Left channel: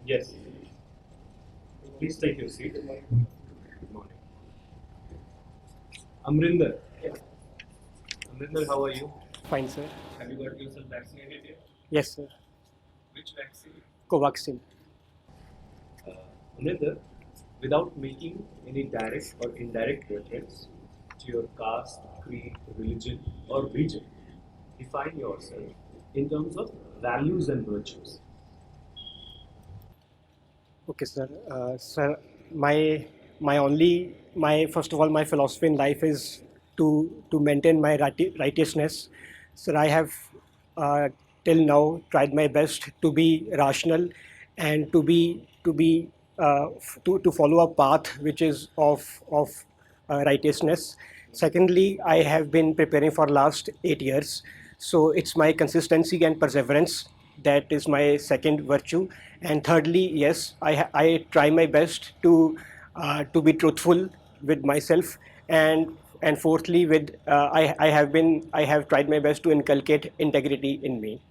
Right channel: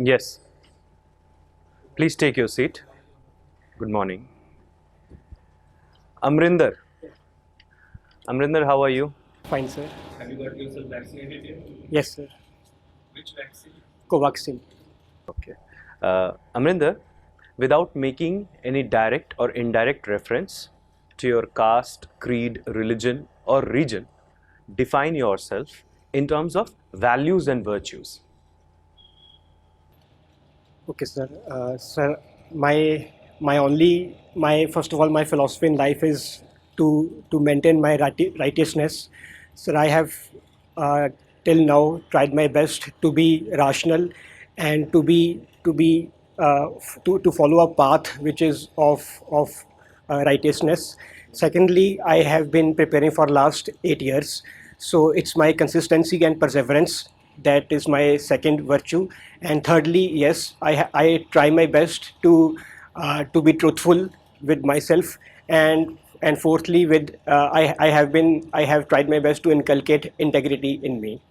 Yes, please take your seat. Good morning. Amrinder. Amrinder, how are you? Fine, sir. Have you got yourself vaccinated yet? Yes, sir. Which vaccine? Covaxin. Okay. Amrinder, without making any direct or indirect reference to your caste, creed, religion, or region, define yourself in terms of values and virtues. Okay, sir. Sir, my first of all my philosophy in life is to maintain my righteousness. Sir, I have uh, till now tried my best to be rational and to follow a path which is of righteousness. Secondly, I have been preparing for last 8 years, so it's my consistency and perseverance that is my second virtue. And thirdly, yes, I try my best to be truthful with myself. And fourthly, with I have tried my best to inculcate integrity in me.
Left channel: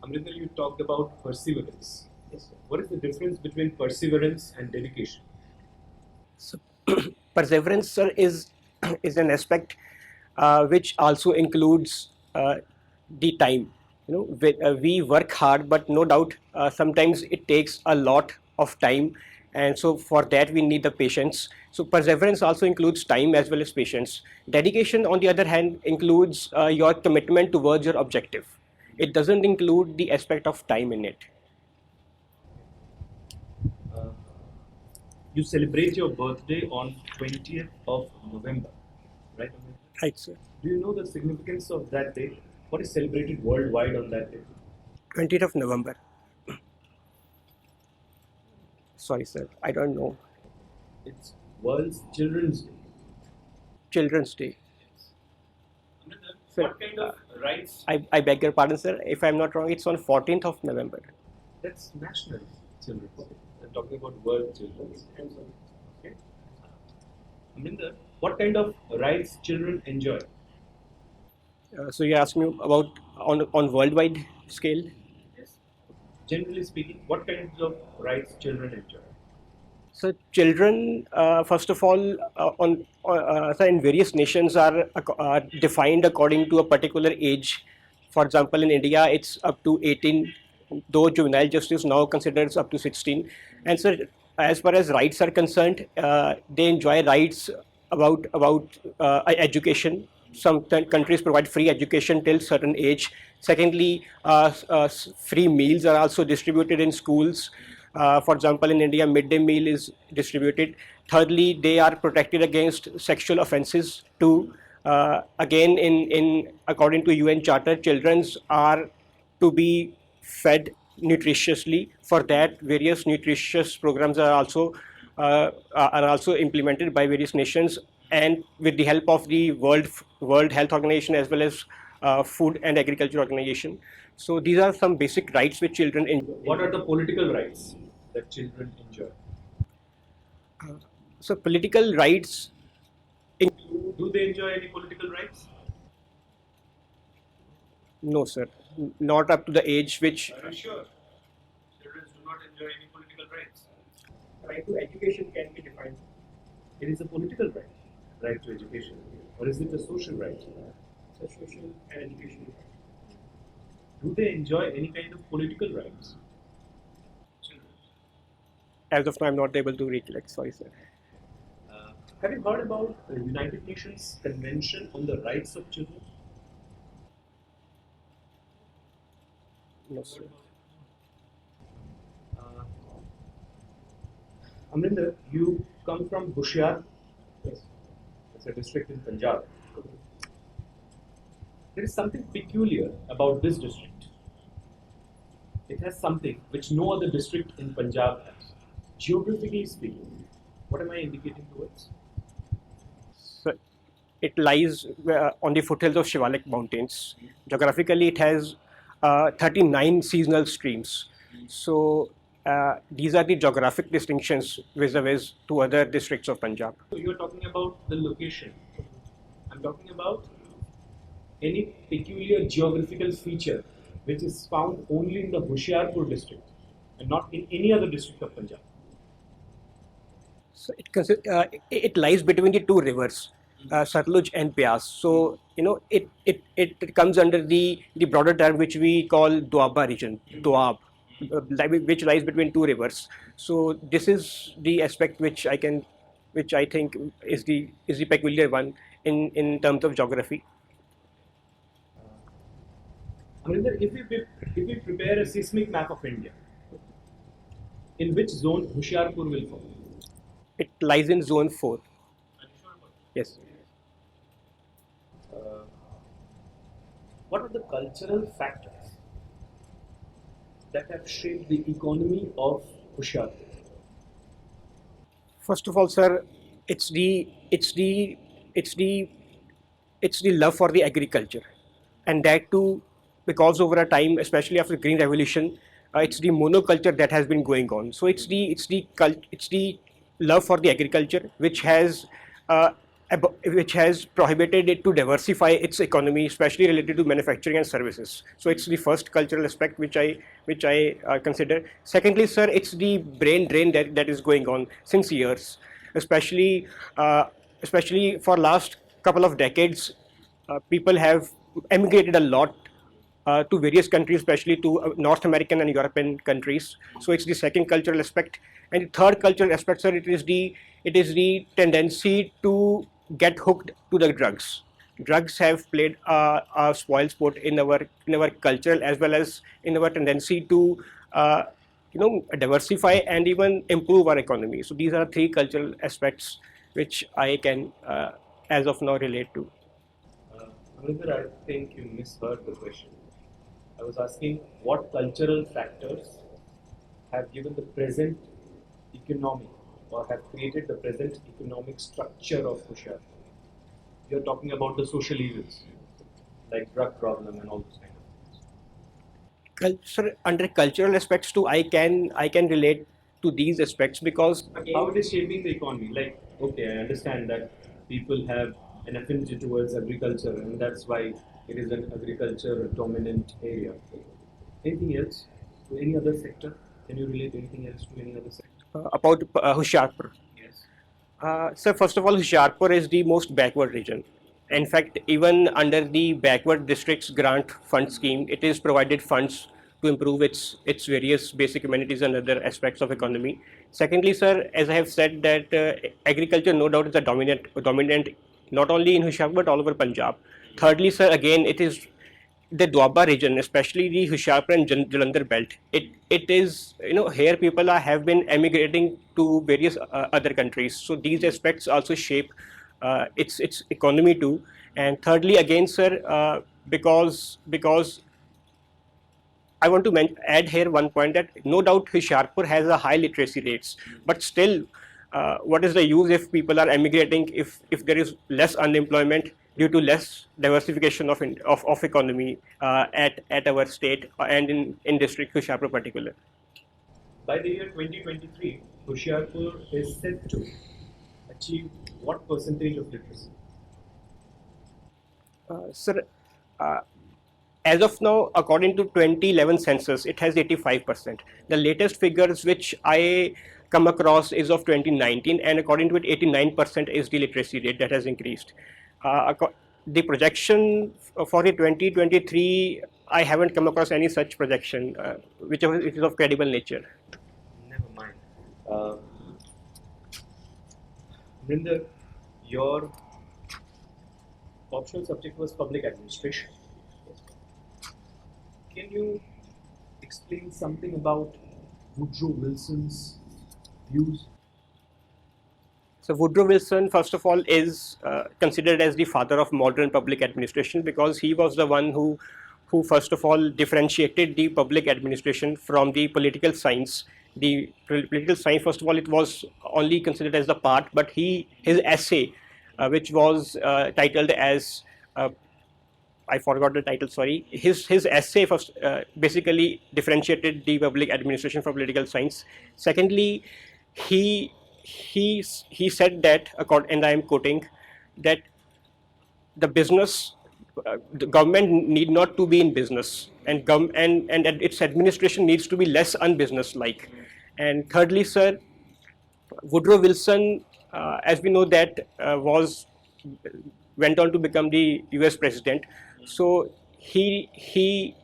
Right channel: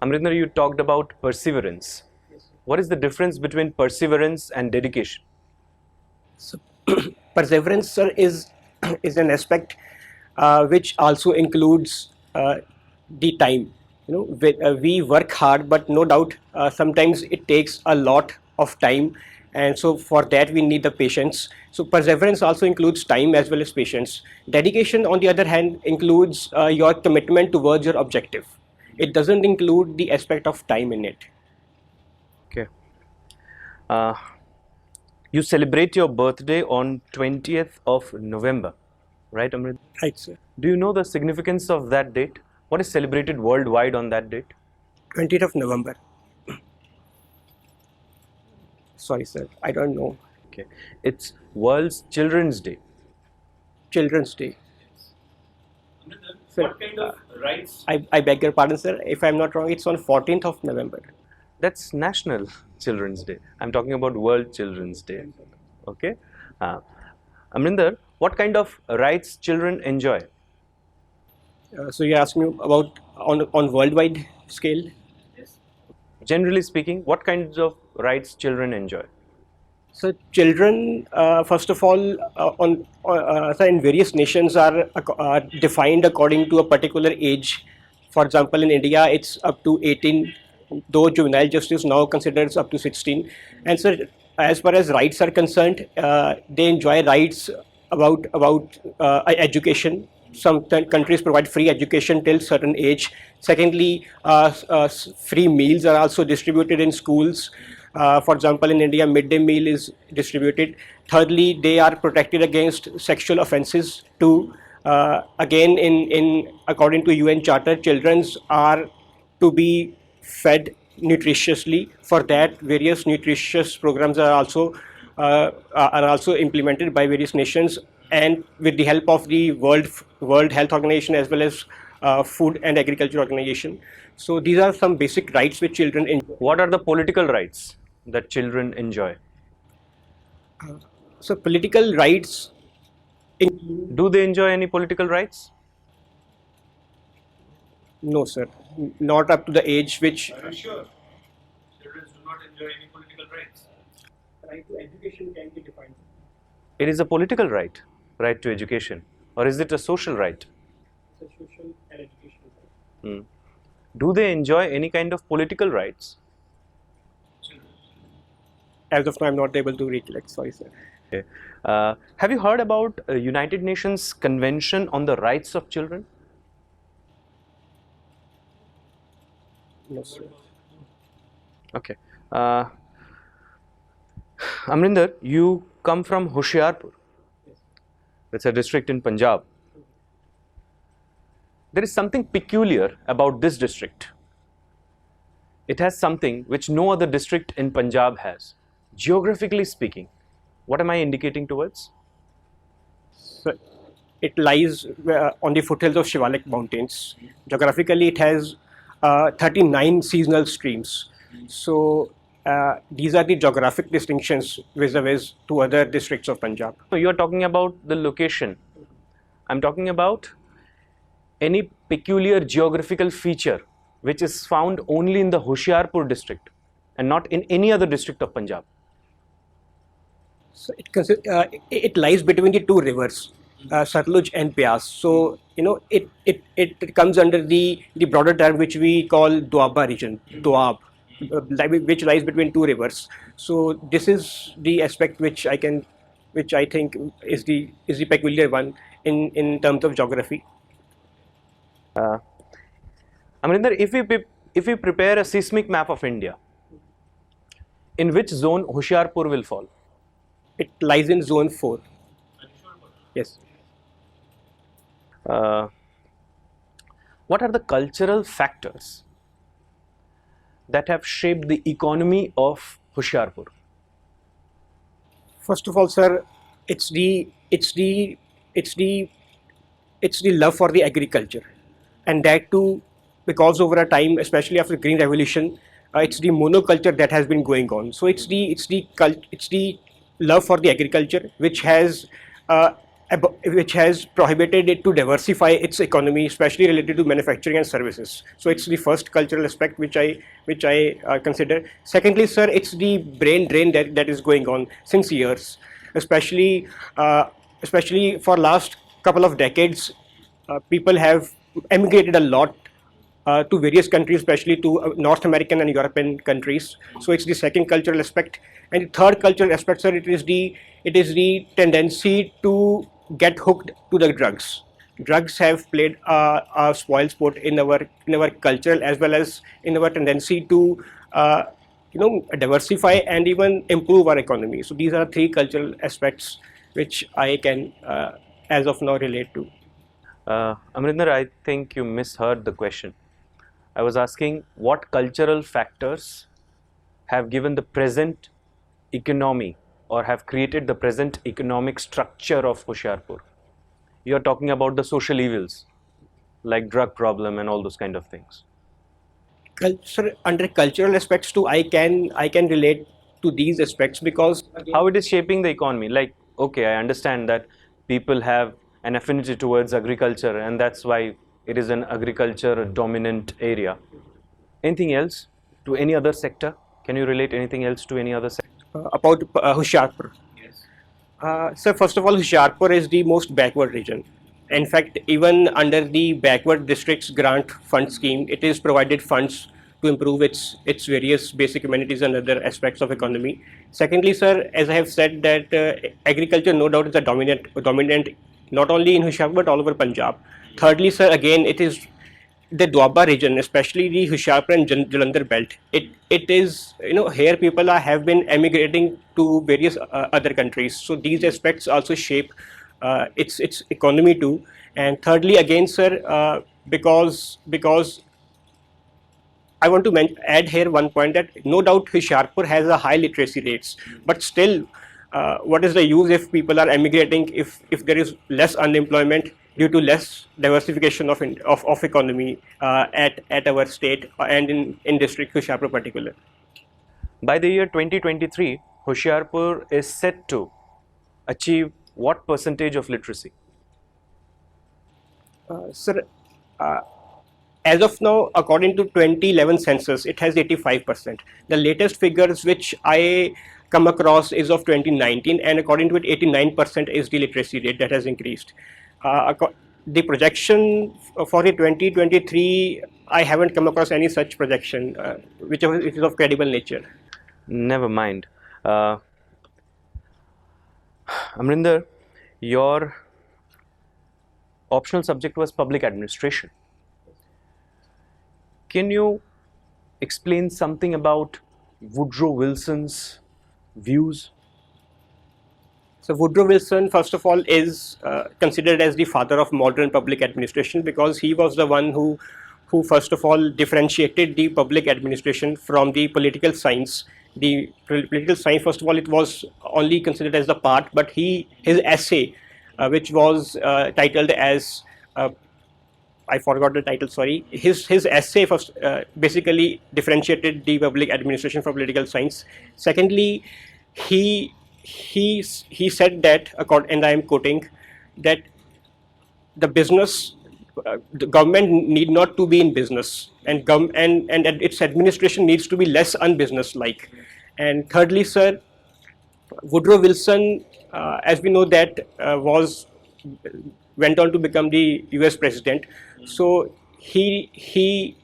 Amrinder, you talked about perseverance. What is the difference between perseverance and dedication? So, perseverance, sir, is an aspect which also includes the time. We work hard, but no doubt sometimes it takes a lot of time, and so for that we need the patience. So perseverance also includes time as well as patience. Dedication, on the other hand, includes your commitment towards your objective. It doesn't include the aspect of time in it. Okay. Uh, you celebrate your birthday on 20th of November, right, Amrinder? Right, sir. Do you know the significance of that date? What is celebrated worldwide on that date? 20th of November. Sorry, sir. I don't know. Okay. It's World's Children's Day. Children's Day. Amrinder, Sir, what kind of rights? I beg your pardon, sir. If I'm not wrong, it's on 14th of November. That's National Children's Day. I'm talking about World Children's Day. Okay. Uh, Amrinder, what kind of rights children enjoy? So you asked me about on worldwide scale. Yes. Generally speaking, what kinds of rights children enjoy? So children, first of all, so in various nations are defined according to a particular age. For example, in India, it's up to 18, though juvenile justice now considers up to 16. And so, as far as rights are concerned, they enjoy rights about education. Some countries provide free education till certain age. Secondly, free meals are also distributed in schools. For example, in India, midday meal is distributed. Thirdly, they are protected against sexual offences too. Again, in according to UN Charter, children are to be fed nutritiously. For that, various nutritious programs are also implemented by various nations, and with the help of the World Health Organization as well as Food and Agriculture Organization. So these are some basic rights which children enjoy. What are the political rights that children enjoy? So political rights. Do they enjoy any political rights? No, sir, not up to the age which. Are you sure? Children do not enjoy any political rights. Right to education can be defined. It is a political right, right to education, or is it a social right? It's a social and education. Hmm. Do they enjoy any kind of political rights? Children. As of now, I'm not able to recollect. Sorry, sir. Okay. Have you heard about United Nations Convention on the Rights of Children? No, sir. Okay. Amrinder, you come from Hoshiarpur. It's a district in Punjab. There is something peculiar about this district. It has something which no other district in Punjab has. Geographically speaking, what am I indicating towards? So it lies on the foothills of Shivalik Mountains. Geographically, it has 39 seasonal streams. So these are the geographic distinctions vis-a-vis to other districts of Punjab. So you are talking about the location. I'm talking about any peculiar geographical feature which is found only in the Hoshiarpur district and not in any other district of Punjab? So it lies between the two rivers, Satluj and Beas. So it comes under the broader term which we call Doaba region, Doab, which lies between two rivers. So this is the aspect which I think is the peculiar one in terms of geography. Amrinder, if we prepare a seismic map of India, in which zone Hoshiarpur will fall? It lies in zone 4. Yes. What are the cultural factors that have shaped the economy of Hoshiarpur? First of all, sir, it's the love for the agriculture, and that too because over a time, especially after the Green Revolution, it's the monoculture that has been going on. So it's the love for the agriculture which has prohibited it to diversify its economy, especially related to manufacturing and services. So it's the first cultural aspect which I consider. Secondly, sir, it's the brain drain that is going on since years, especially for last couple of decades. People have emigrated a lot to various countries, especially to North American and European countries. So it's the second cultural aspect, and the third cultural aspect, sir, it is the tendency to get hooked to the drugs. Drugs have played a spoil sport in our cultural as well as in our tendency to diversify and even improve our economy. So these are three cultural aspects which I can as of now relate to. Amrinder, I think you misheard the question. I was asking what cultural factors have given the present economy or have created the present economic structure of Hoshiarpur. You are talking about the social evils like drug problem and all those kind of things. Sir, under cultural aspects too, I can relate to these aspects because How it is shaping the economy? Like, okay, I understand that people have an affinity towards agriculture and that's why it is an agriculture dominant area. Anything else to any other sector? Can you relate anything else to any other sector? about Hoshiarpur. Yes. So first of all, Hoshiarpur is the most backward region. In fact, even under the backward districts grant fund scheme, it is provided funds to improve its various basic amenities and other aspects of economy. Secondly, sir, as I have said that agriculture no doubt is a dominant not only in Hoshiarpur but all over Punjab. Thirdly, sir, again it is the Doaba region, especially the Hoshiarpur and Jalandhar belt. It is here people have been emigrating to various other countries. So these aspects also shape its economy too. And thirdly, again, sir, because I want to add here one point that no doubt Hoshiarpur has a high literacy rates, but still, what is the use if people are emigrating if there is less unemployment due to less diversification of economy at our state and in district Hoshiarpur particular. By the year 2023, Hoshiarpur is set to achieve what percentage of literacy? Sir, as of now, according to 2011 census, it has 85%. The latest figures which I come across is of 2019, and according to it, 89% is the literacy rate that has increased. The projection for the 2023, I haven't come across any such projection, which is of credible nature. Never mind. Amrinder, your optional subject was public administration. Can you explain something about Woodrow Wilson's views? So Woodrow Wilson, first of all, is considered as the father of modern public administration because he was the one who first of all differentiated the public administration from the political science. The political science, first of all, it was only considered as the part, but his essay, which was titled as I forgot the title. Sorry, his essay first basically differentiated the public administration from political science. Secondly, he said that, and I am quoting, that the business the government need not to be in business, and and its administration needs to be less unbusiness-like. And thirdly, sir, Woodrow Wilson, as we know that went on to become the U.S. president. So he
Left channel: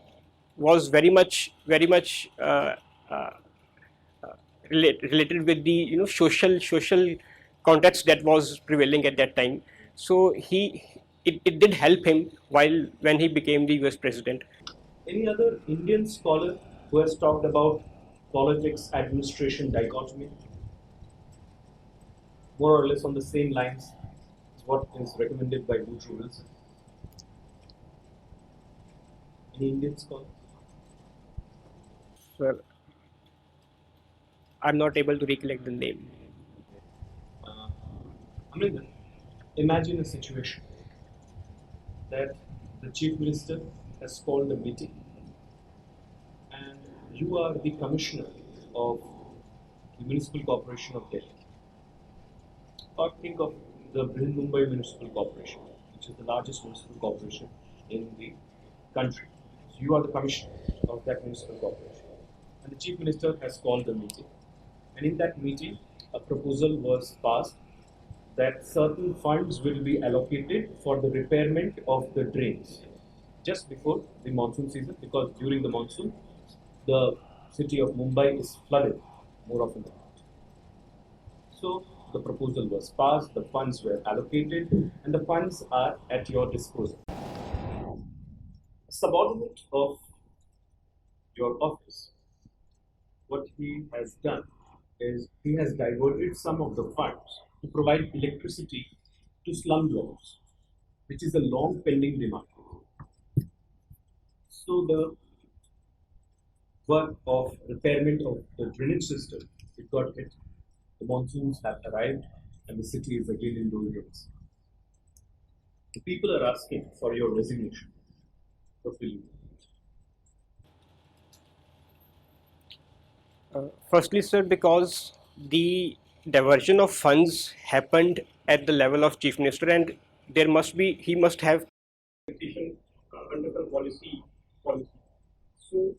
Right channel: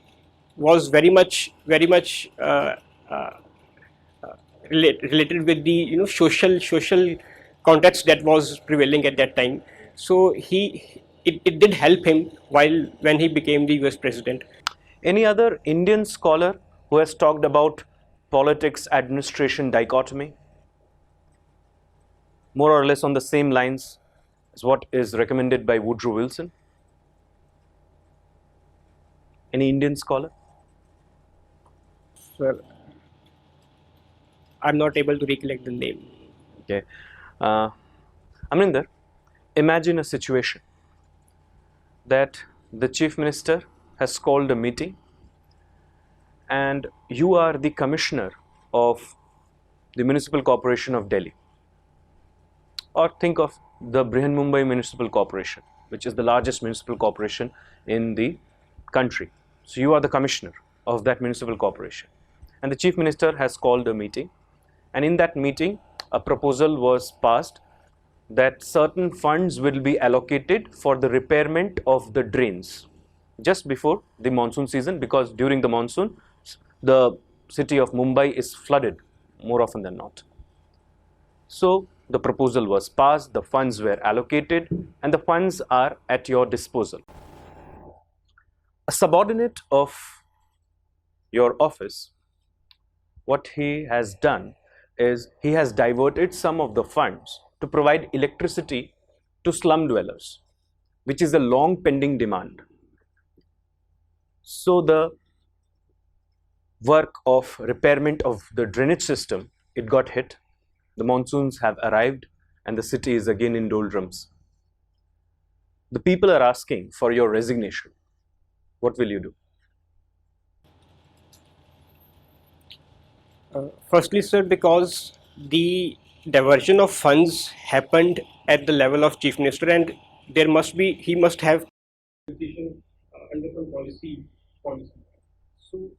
was very much related with the social context that was prevailing at that time. So it did help him when he became the U.S. president. Any other Indian scholar who has talked about politics administration dichotomy? More or less on the same lines as what is recommended by Woodrow Wilson? Any Indian scholar? Sir, I'm not able to recollect the name. Okay. Amrinder, imagine a situation that the Chief Minister has called a meeting and you are the Commissioner of the Municipal Corporation of Delhi. Or think of the Brihanmumbai Municipal Corporation, which is the largest municipal corporation in the country. So you are the Commissioner of that municipal corporation. And the Chief Minister has called a meeting, and in that meeting a proposal was passed that certain funds will be allocated for the repairment of the drains just before the monsoon season, because during the monsoon the city of Mumbai is flooded more often than not. So the proposal was passed, the funds were allocated, and the funds are at your disposal. A subordinate of your office, what he has done is he has diverted some of the funds to provide electricity to slum dwellers, which is a long pending demand. So the work of repairment of the drainage system, it got hit. The monsoons have arrived and the city is again in doldrums. The people are asking for your resignation. What will you do? Firstly, sir, because the diversion of funds happened at the level of Chief Minister, and he must have under some policy. So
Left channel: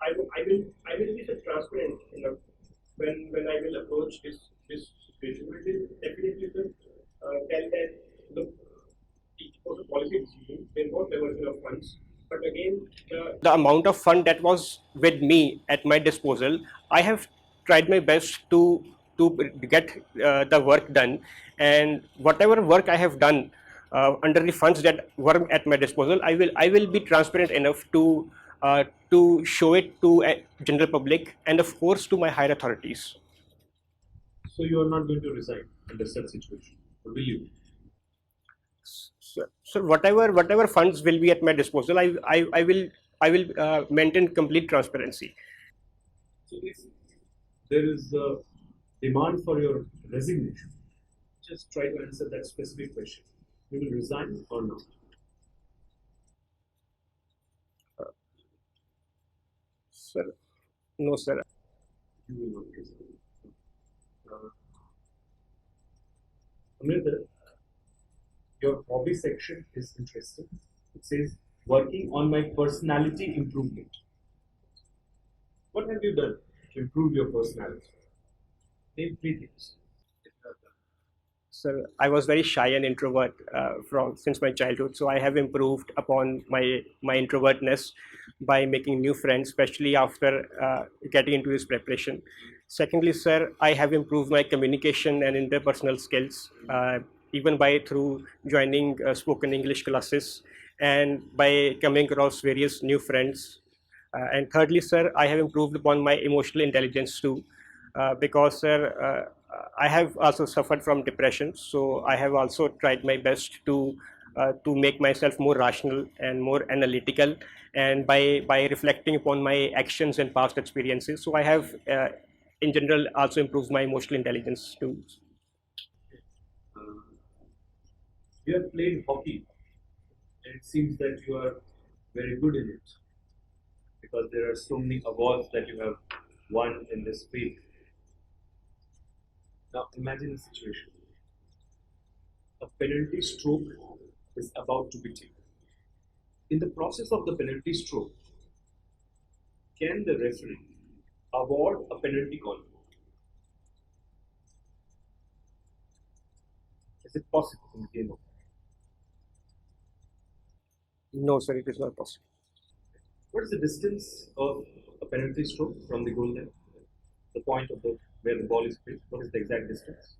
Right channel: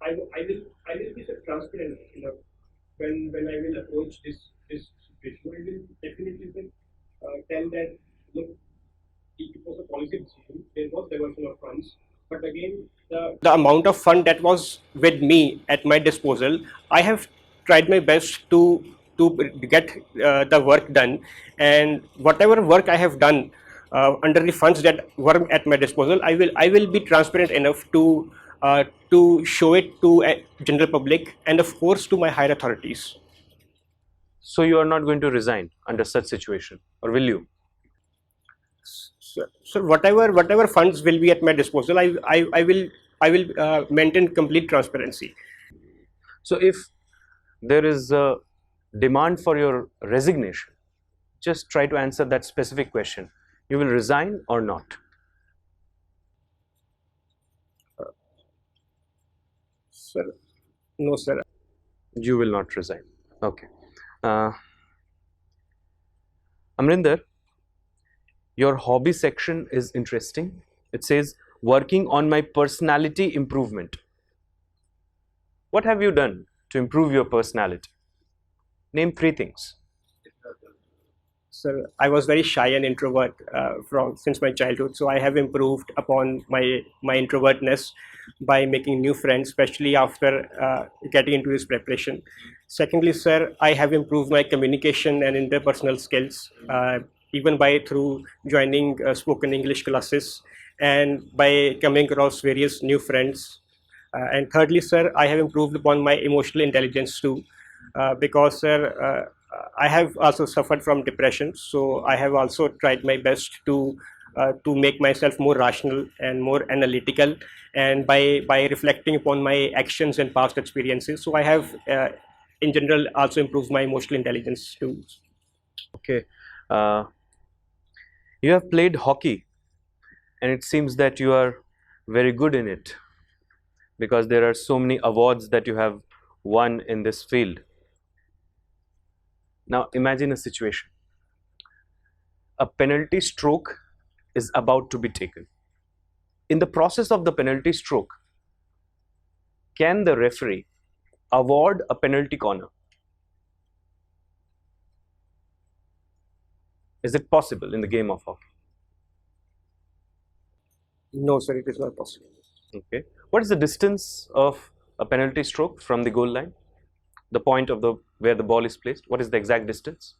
I will be transparent enough when I will approach this situation. I will definitely tell that, look, it was a policy decision. There was diversion of funds. But again, the amount of fund that was with me at my disposal, I have tried my best to get the work done, and whatever work I have done under the funds that were at my disposal, I will be transparent enough to show it to a general public and of course to my higher authorities. So you are not going to resign under such situation, or will you? So whatever funds will be at my disposal, I will maintain complete transparency. So if there is a demand for your resignation, just try to answer that specific question. You will resign or not? Sir, no, sir. You will not resign. Okay. Amrinder, your hobby section is interesting. It says, working on my personality improvement. What have you done to improve your personality? Name 3 things. Sir, I was very shy and introvert since my childhood. So I have improved upon my introvertness by making new friends, especially after getting into this preparation. Secondly, sir, I have improved my communication and interpersonal skills, even through joining spoken English classes and by coming across various new friends. And thirdly, sir, I have improved upon my emotional intelligence too, because, sir, I have also suffered from depression. So I have also tried my best to make myself more rational and more analytical, and by reflecting upon my actions and past experiences. So I have, in general, also improved my emotional intelligence too. Okay. You have played hockey, and it seems that you are very good in it, because there are so many awards that you have won in this field. Now imagine a situation. A penalty stroke is about to be taken. In the process of the penalty stroke, can the referee award a penalty corner? Is it possible in the game of hockey? No, sir, it is not possible. Okay. What is the distance of a penalty stroke from the goal line? The point of the where the ball is placed. What is the exact distance?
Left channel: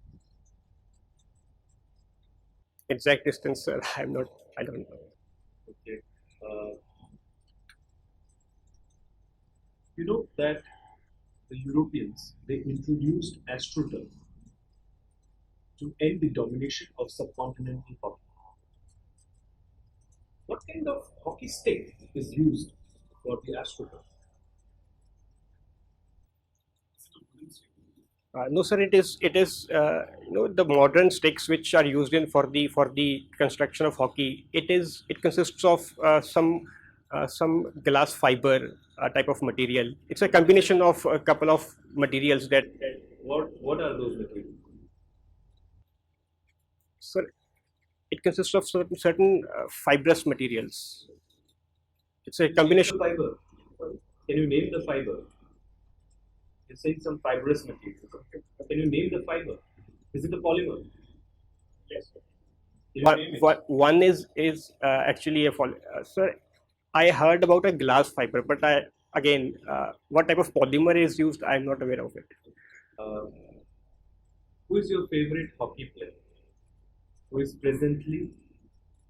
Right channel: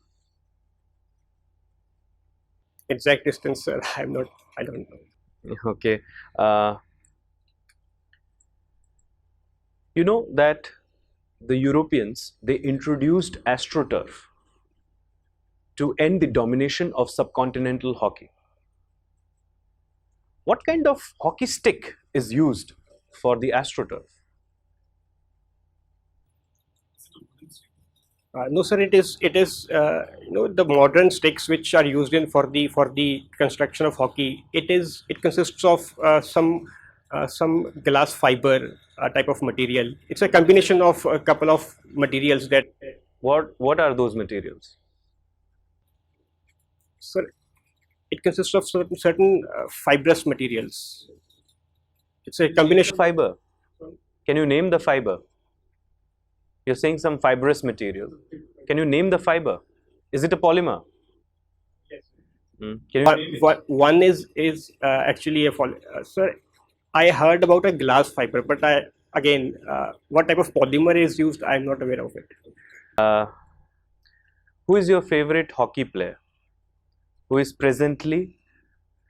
Exact distance, sir, I don't know. Okay. You know that the Europeans, they introduced AstroTurf to end the domination of subcontinental hockey. What kind of hockey stick is used for the AstroTurf? No, sir. It is the modern sticks which are used in for the construction of hockey. It consists of some glass fiber type of material. It's a combination of a couple of materials that. What are those materials? Sir, it consists of certain fibrous materials. It's a combination. Fiber. Can you name the fiber? You're saying some fibrous material. Can you name the fiber? Is it a polymer? Yes. Can you One is actually sir. I heard about a glass fiber, but what type of polymer is used? I'm not aware of it. Who is your favorite hockey player who is presently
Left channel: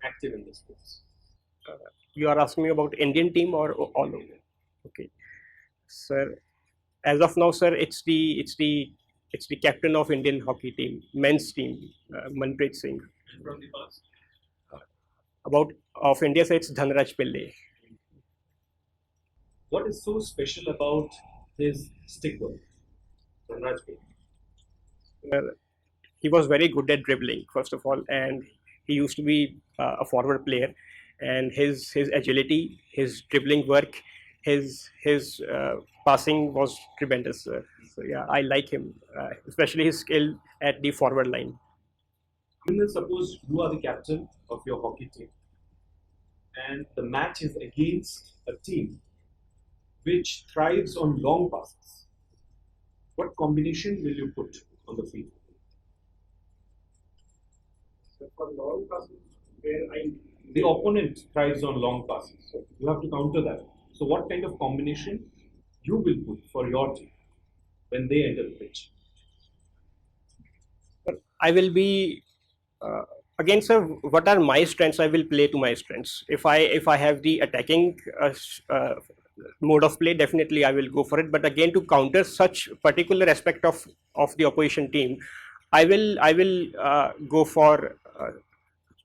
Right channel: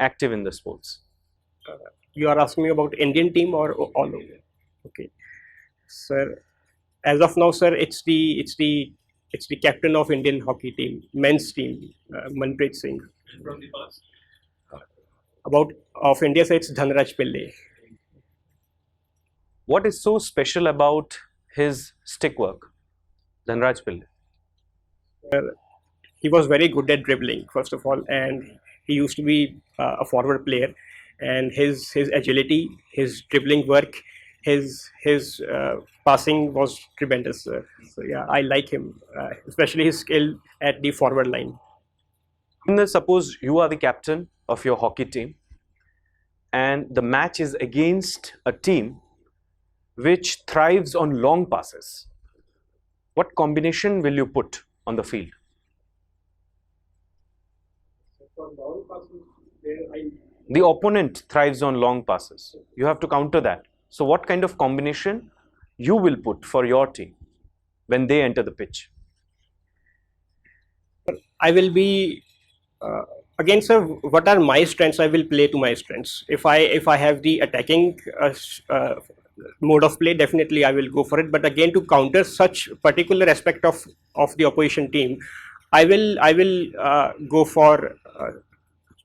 active in the sports? You are asking me about Indian team or all over? Okay, sir. As of now, sir, it's the captain of Indian hockey team, men's team, Manpreet Singh. And from the past, About of India, sir, it's Dhanraj Pillai. What is so special about his stick work, Dhanraj Pillai? He was very good at dribbling, first of all, and he used to be a forward player. And his agility, his dribbling work, his passing was tremendous. So yeah, I like him, especially his skill at the forward line. Suppose you are the captain of your hockey team and the match is against a team which thrives on long passes. What combination will you put on the field? For long passes, The opponent thrives on long passes. You have to counter that. So what kind of combination you will put for your team when they enter the pitch? I will be again, sir. What are my strengths? I will play to my strengths. If I have the attacking mode of play, definitely I will go for it. But again, to counter such particular aspect of the opposition team, I will go for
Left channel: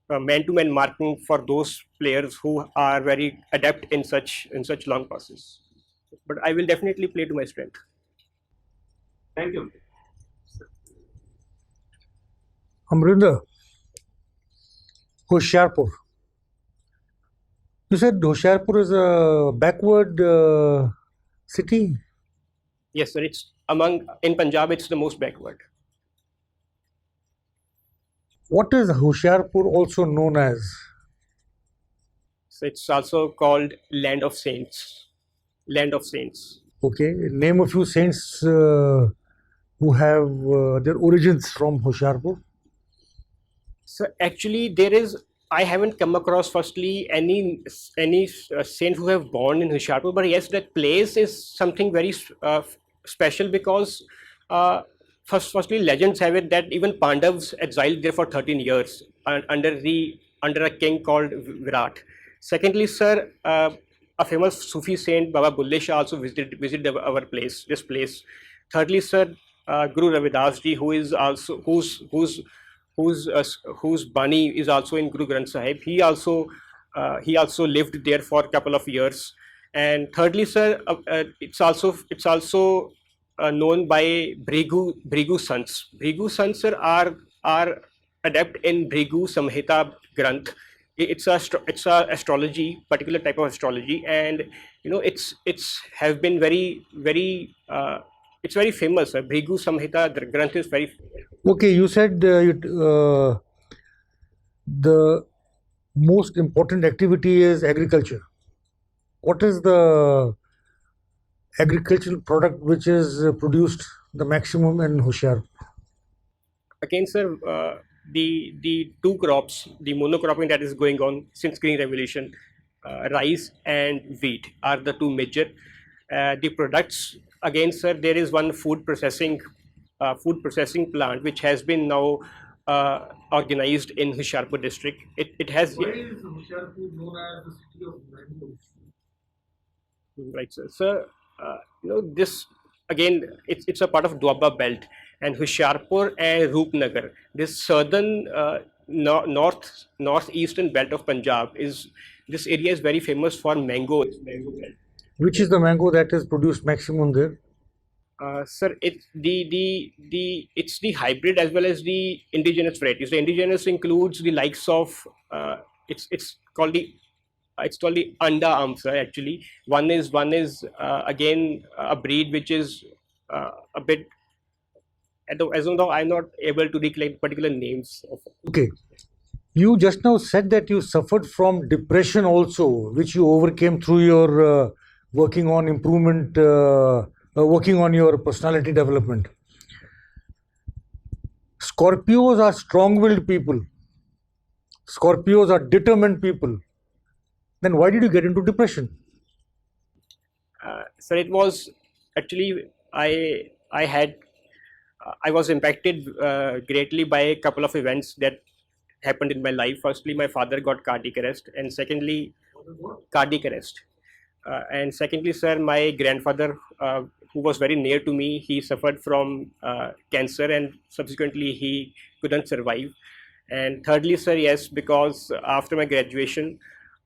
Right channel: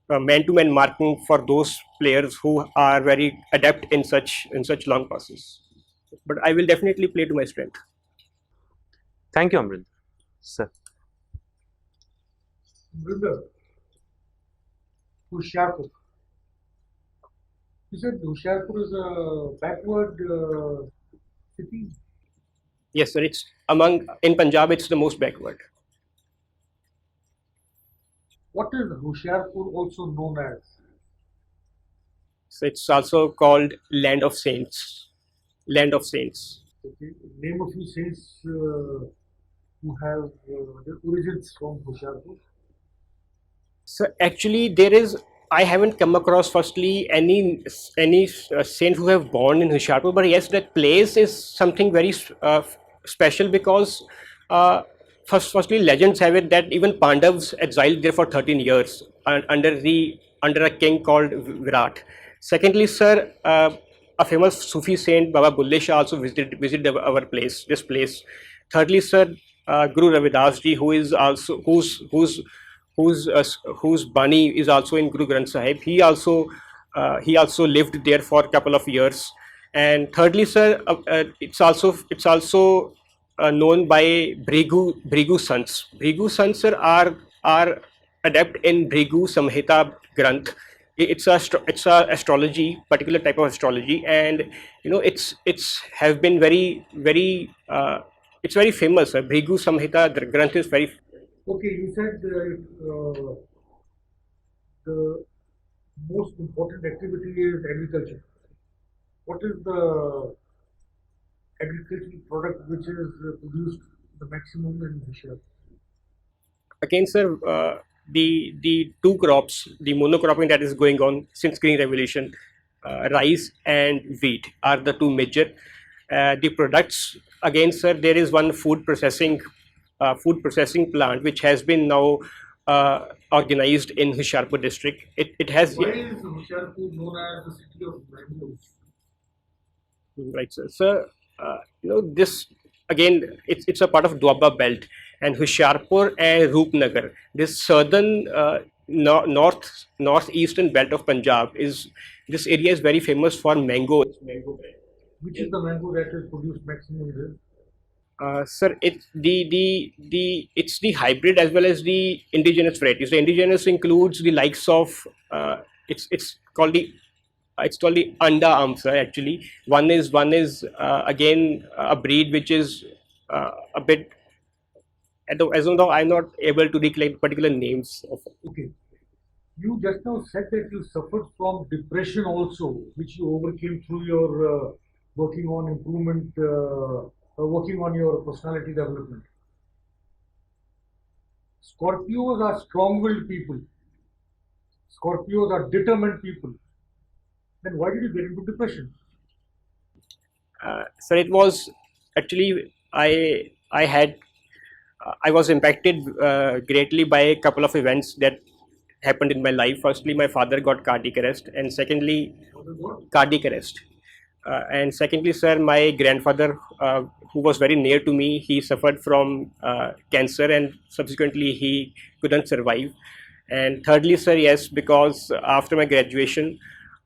man-to-man marking for those players who are very adept in such long passes. But I will definitely play to my strength. Thank you, Amrinder. Sir. Amrinder, Hoshiarpur. You said Hoshiarpur is a backward city. Yes, sir. It's in Punjab. It's the most backward. What is Hoshiarpur also known as? So it's also called Land of Saints. Land of Saints. Okay, name a few saints who have their origins from Hoshiarpur. So actually, I haven't come across firstly any saint who have born in Hoshiarpur, but yes, that place is something very special because firstly, legends have it that even Pandavas exiled there for 13 years under a king called Virat. Secondly, sir, a famous Sufi saint Baba Bulle Shah also visited this place. Thirdly, sir, Guru Ravidas ji, whose Bani is also in Guru Granth Sahib. He also lived there for a couple of years. And thirdly, sir, it's also known by Bhrigu Sants. Bhrigu Sants, sir, are adept in Bhrigu Samhita Granth. It's a astrology, particular type of astrology, and it's have been very it's very famous. Bhrigu Samhita Granth is very. Okay, you said the most important activity is agriculture. What is the agricultural product which is produced the maximum in Hoshiarpur? Again, sir, the two crops, the monocropping that is going on since Green Revolution, rice and wheat are the two major. The products, again, sir, there is one food processing plant which has been now organized in Hoshiarpur district. It has Why is Hoshiarpur known as the city of mangoes? right, sir. Sir, this again, it's a part of Doaba belt, and Hoshiarpur and Roopnagar, this southern northeastern belt of Punjab is this area is very famous for mango. Which is the mango that is produced maximum there? Sir, it's it's the hybrid as well as the indigenous varieties. The indigenous includes the likes of it's called the Anda Amsa actually. One is again a breed which is a bit as of now I'm not able to recollect particular names of. Okay. You just now said that you suffered from depression also, which you overcame through your working on improvement, working on your personality development. Scorpios are strong-willed people. Scorpios are determined people. Then why did you get into depression? Sir, it was actually I was impacted greatly by a couple of events that happened in my life. Firstly, my father got cardiac arrest, and secondly, cardiac arrest. And secondly, sir, my grandfather, who was very near to me, he suffered from cancer, and subsequently he couldn't survive. And thirdly, sir, yes, because after my graduation,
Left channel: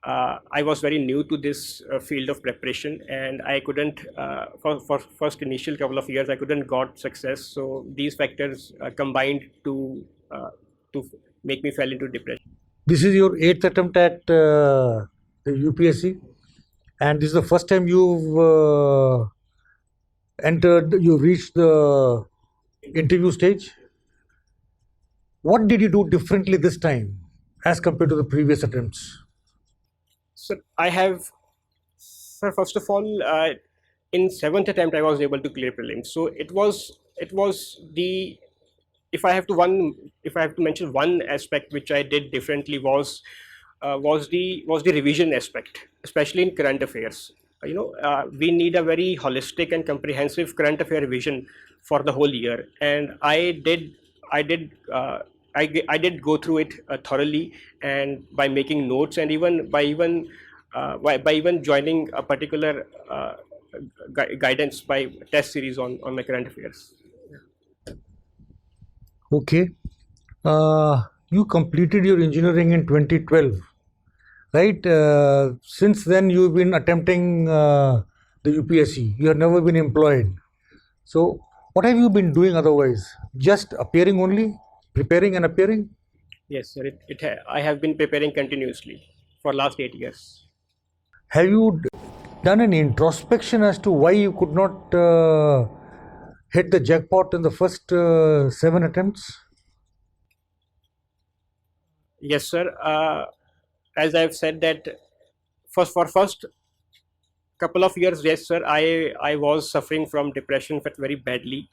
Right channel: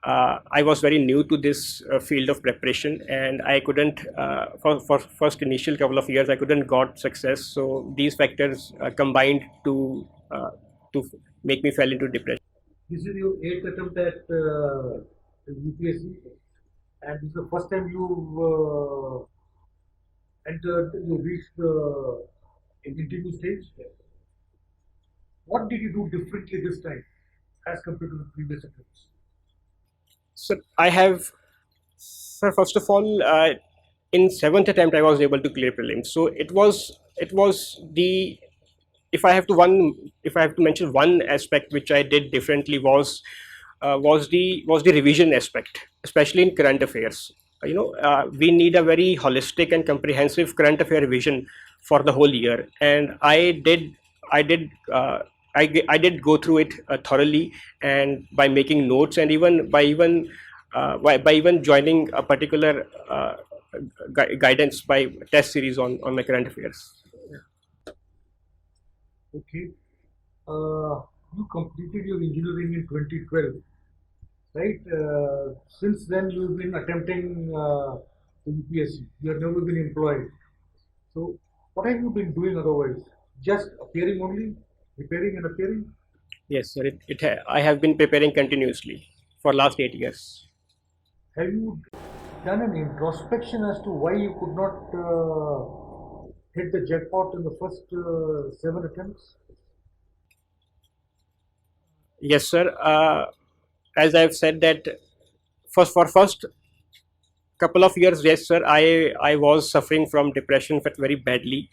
I was very new to this field of preparation, and I couldn't for first initial couple of years I couldn't got success. So these factors combined to make me fall into depression. This is your eighth attempt at the UPSC, and this is the first time you've you reached the interview stage. What did you do differently this time as compared to the previous attempts? So first of all, in seventh attempt I was able to clear prelims. So it was the if I have to mention one aspect which I did differently was the revision aspect, especially in current affairs. We need a very holistic and comprehensive current affair revision for the whole year, and I did go through it thoroughly, and by making notes, and by even joining a particular guidance by test series on my current affairs. Okay. You completed your engineering in 2012, right? Since then, you've been attempting the UPSC. You have never been employed. So, what have you been doing otherwise? Just appearing only? Preparing and appearing? Yes, sir. I have been preparing continuously for last 8 years. Have you done an introspection as to why you could not hit the jackpot in the first 7 attempts? Yes, sir. As I've said that first couple of years, yes, sir, I was suffering from depression very badly.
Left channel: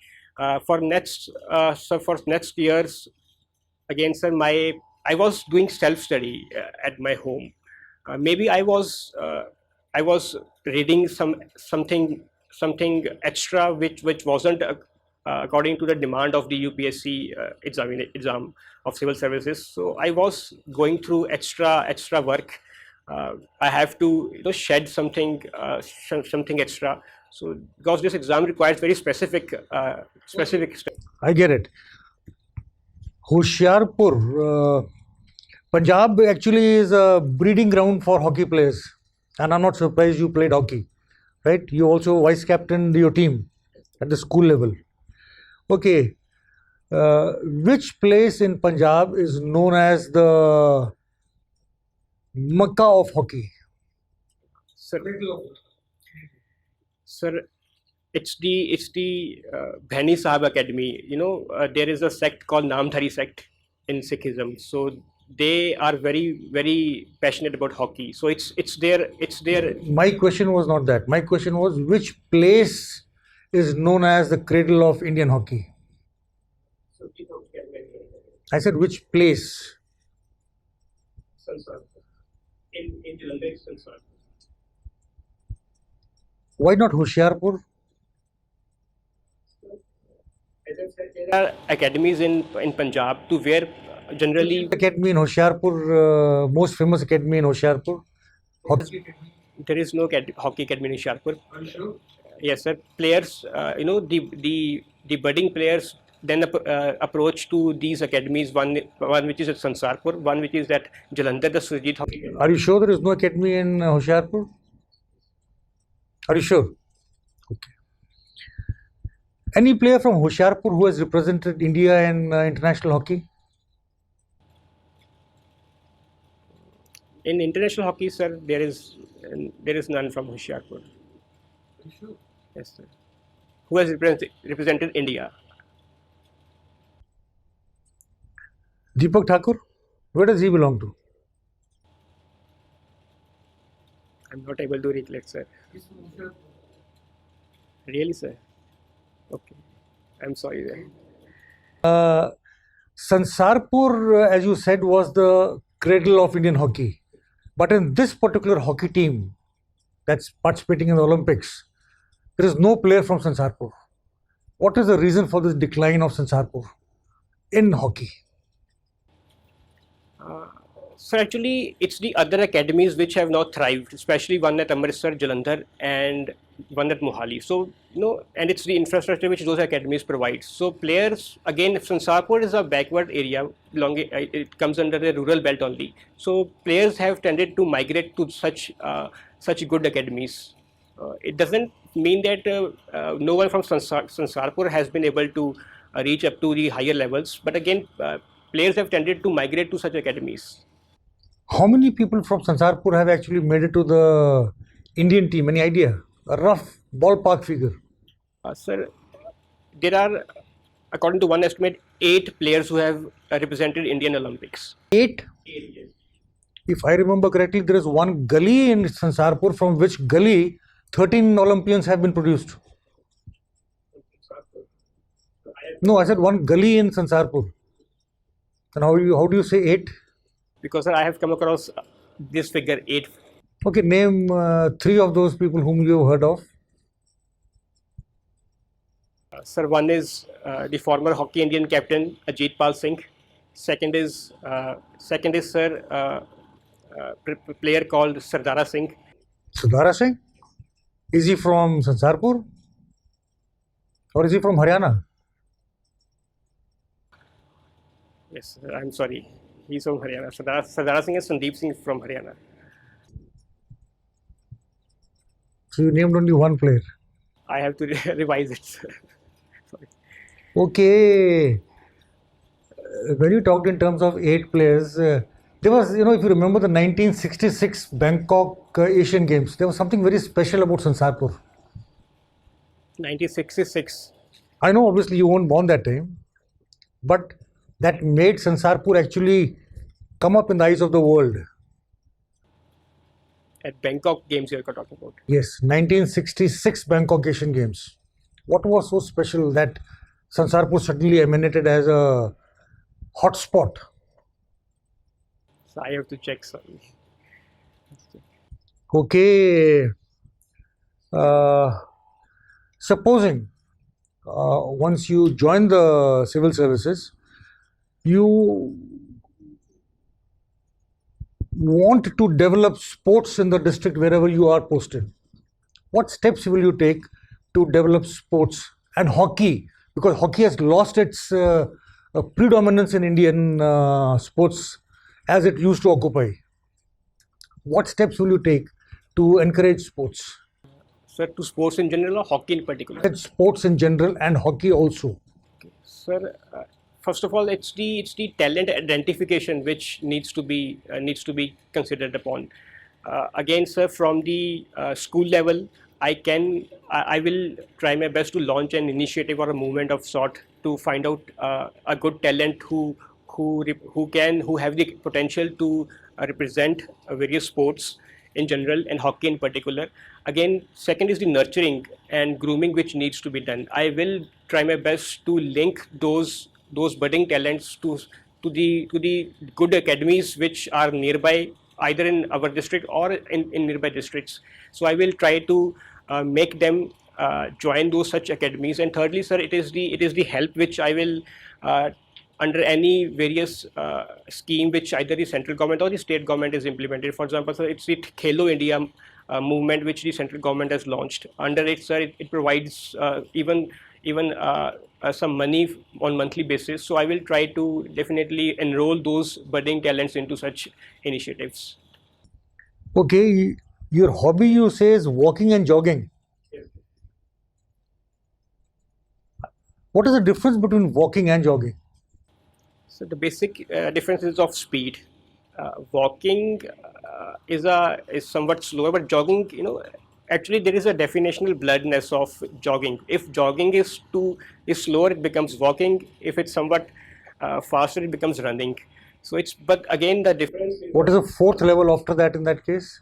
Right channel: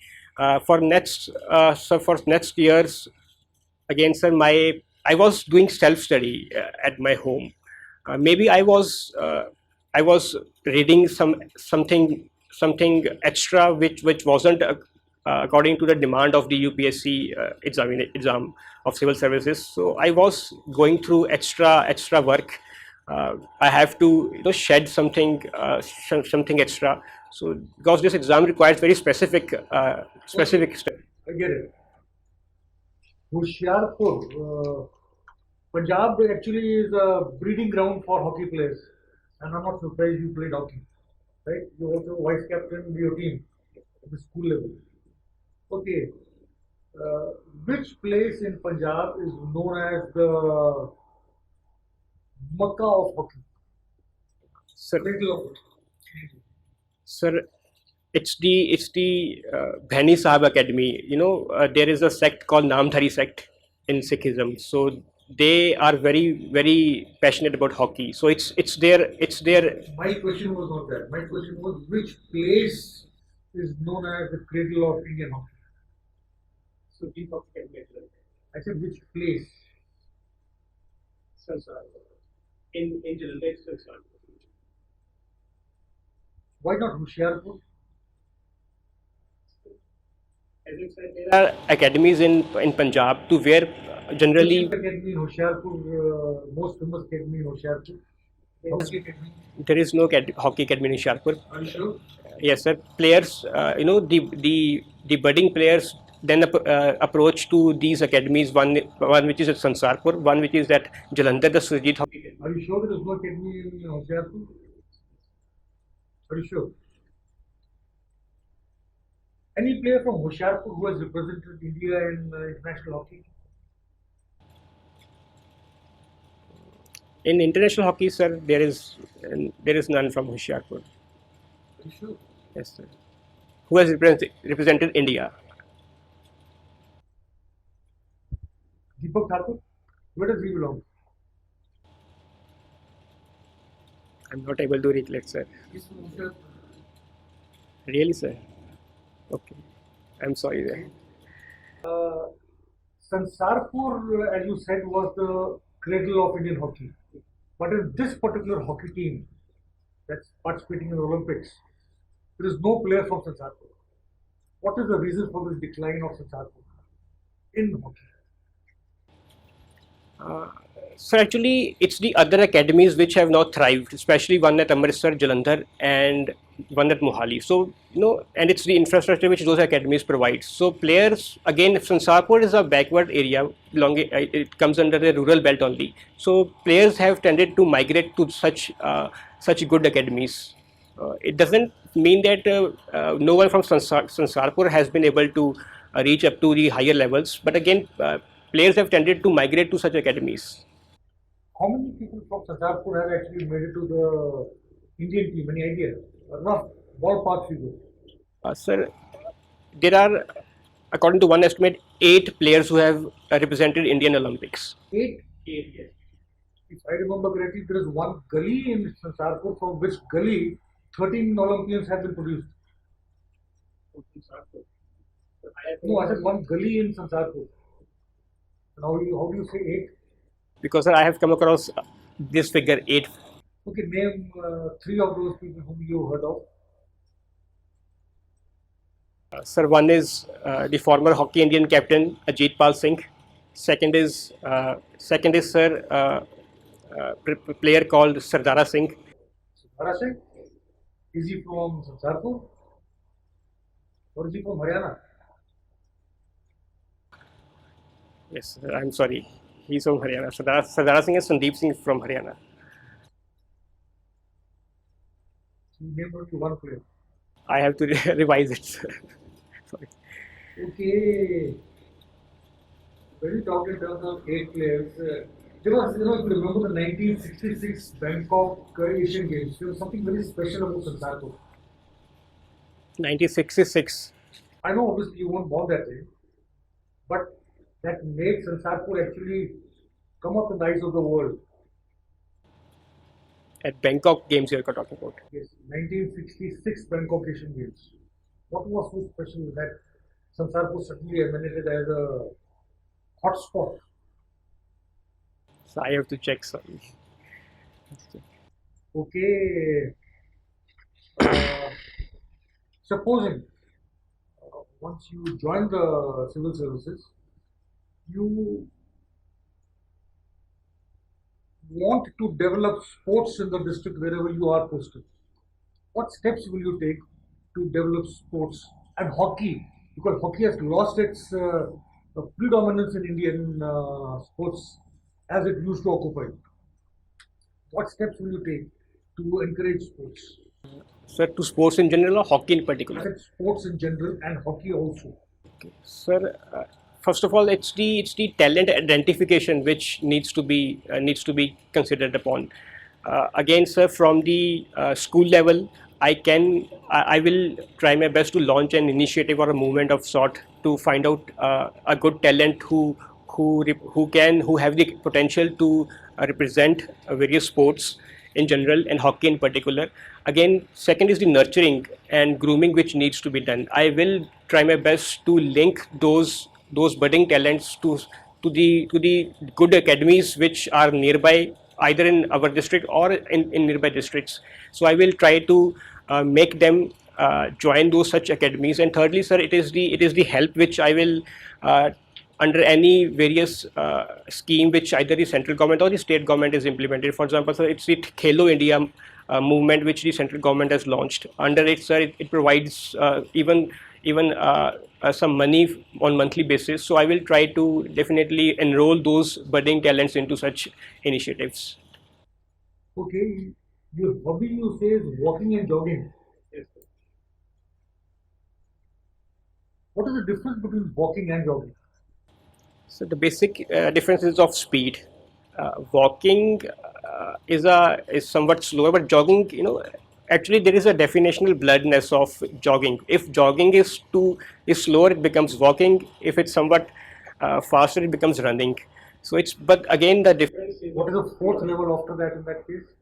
For next years, again, sir, I was doing self study at my home. Maybe I was reading something extra which wasn't according to the demand of the UPSC exam of civil services. So I was going through extra work. I have to shed something extra. So because this exam requires very specific steps. I get it. Hoshiarpur, Punjab actually is a breeding ground for hockey players, and I'm not surprised you played hockey, right? You also vice captained your team at the school level. Okay, which place in Punjab is known as the Mecca of hockey? Sir, it's the Bhaini Sahib Academy. There is a sect called Namdhari sect in Sikhism. So they are very passionate about hockey. So it's their. My question was not that. My question was which place is known as the cradle of Indian hockey? I said which place? In Jalandhar, Sansar. Why not Hoshiarpur? As I said, there are academies in Punjab to where generally Academy in Hoshiarpur, most famous academy in Hoshiarpur. Hockey. there is no hockey academy in Hoshiarpur. Are you sure? Yes, sir. Players, the budding players then approach to these academies. One which is at Sansarpur, one which is at Jalandhar, the Surjit Hockey Academy. Are you sure there is no academy in Hoshiarpur? Are you sure? Okay. Any player from Hoshiarpur who has represented India in international hockey? In international hockey, sir, there is none from Hoshiarpur. Are you sure? Yes, sir. Who has represented India? Deepak Thakur? Where does he belong to? I'm not able to recollect, sir. He's from Hoshiarpur. Really, sir? Okay. I'm sorry there. Sansarpur, as you said, was the cradle of Indian hockey. But in this particular hockey team that's participating in the Olympics, there is no player from Sansarpur. What is the reason for this decline of Sansarpur in hockey? So actually, it's the other academies which have now thrived, especially one at Amritsar, Jalandhar, and one at Mohali. So and it's the infrastructure which those academies provide. So players, again, if Sansarpur is a backward area, it comes under the rural belt only. So players have tended to migrate to such good academies. It doesn't mean that no one from Sansarpur has been able to reach up to the higher levels, but again, players have tended to migrate to such academies. How many people from Sansarpur have actually made it to the Indian team? Any idea? A rough ballpark figure. Sir, there are, according to one estimate, 8 players who have represented Indian Olympics. 8? 8, yes. If I remember correctly, there is one gully in Sansarpur from which gully 13 Olympians have been produced. No, I said one gully in Sansarpur. And how do you say 8? Because sir, I have come across this figure 8. Okay, name 3 of those people whom you have heard of. Sir, one is the former Hockey Indian captain Ajit Pal Singh. Second is sir player called Sardara Singh. Sardara Singh? Is he from Sansarpur? Or is he from Haryana? Yes, sir, I'm sorry. He's from Haryana. Sardara Singh is Sandeep Singh from Haryana. So you named only one player. I have to revise it, sir. Sorry. Okay. When you talked in terms of 8 players, there was, if you remember the 1966 Bangkok Asian Games, there was something very special about Sansarpur. 1966. I know obviously you weren't born that time, but that made Sansarpur actually come up in the eyes of the world. At Bangkok Games you are talking about. Yes, 1966 Bangkok Asian Games. What was so special that Sansarpur suddenly emanated as a hot spot? So I have to check, sorry. Okay. Supposing once you join the civil services, you want to develop sports in the district wherever you are posted. What steps will you take to develop sports and hockey? Because hockey has lost its predominance in Indian sports as it used to occupy. What steps will you take to encourage sports? Sir, to sports in general or hockey in particular? It's sports in general and hockey also. Okay. Sir, first of all, it's the talent identification which needs to be considered upon. Again, sir, from the school level, I will try my best to launch an initiative or a movement of sort to find out a good talent who who have the potential to represent various sports in general and hockey in particular. Again, second is the nurturing and grooming which needs to be done. I will try my best to link those budding talents to the good academies which are nearby, either in our district or in nearby districts. So I will try to make them join those such academies. And thirdly, sir, it is the help which I will under any various scheme which either the central government or the state government is implemented. For example, sir, it's the Khelo India movement which the central government has launched. Under it, sir, it provides even some money on monthly basis. So I will try to definitely enroll those budding talents into such initiatives. Okay, your hobby you say is walking and jogging. What is the difference between walking and jogging? So the basic difference is of speed. Walking is somewhat slower, but jogging, actually there is a definitional bloodness of jogging. If jogging is slower, it becomes walking. If it's somewhat faster, it becomes running. So but again the difference is What is the fourth level after that in that case?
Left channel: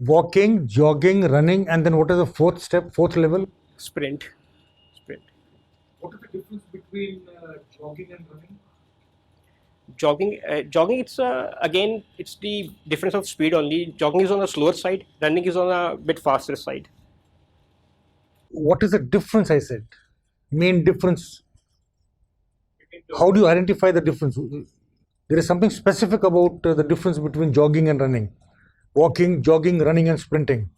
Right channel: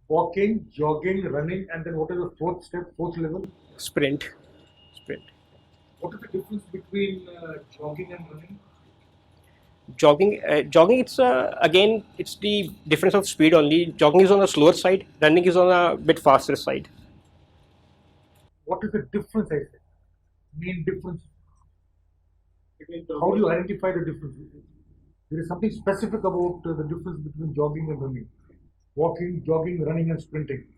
Walking, jogging, running, and then what is the fourth step, fourth level? sprint. What is the difference between jogging and running? Jogging, it's the difference of speed only. Jogging is on the slower side, running is on a bit faster side. What is the difference, I said? Main difference. How do you identify the difference? There is something specific about the difference between jogging and running. Walking, jogging, running and sprinting.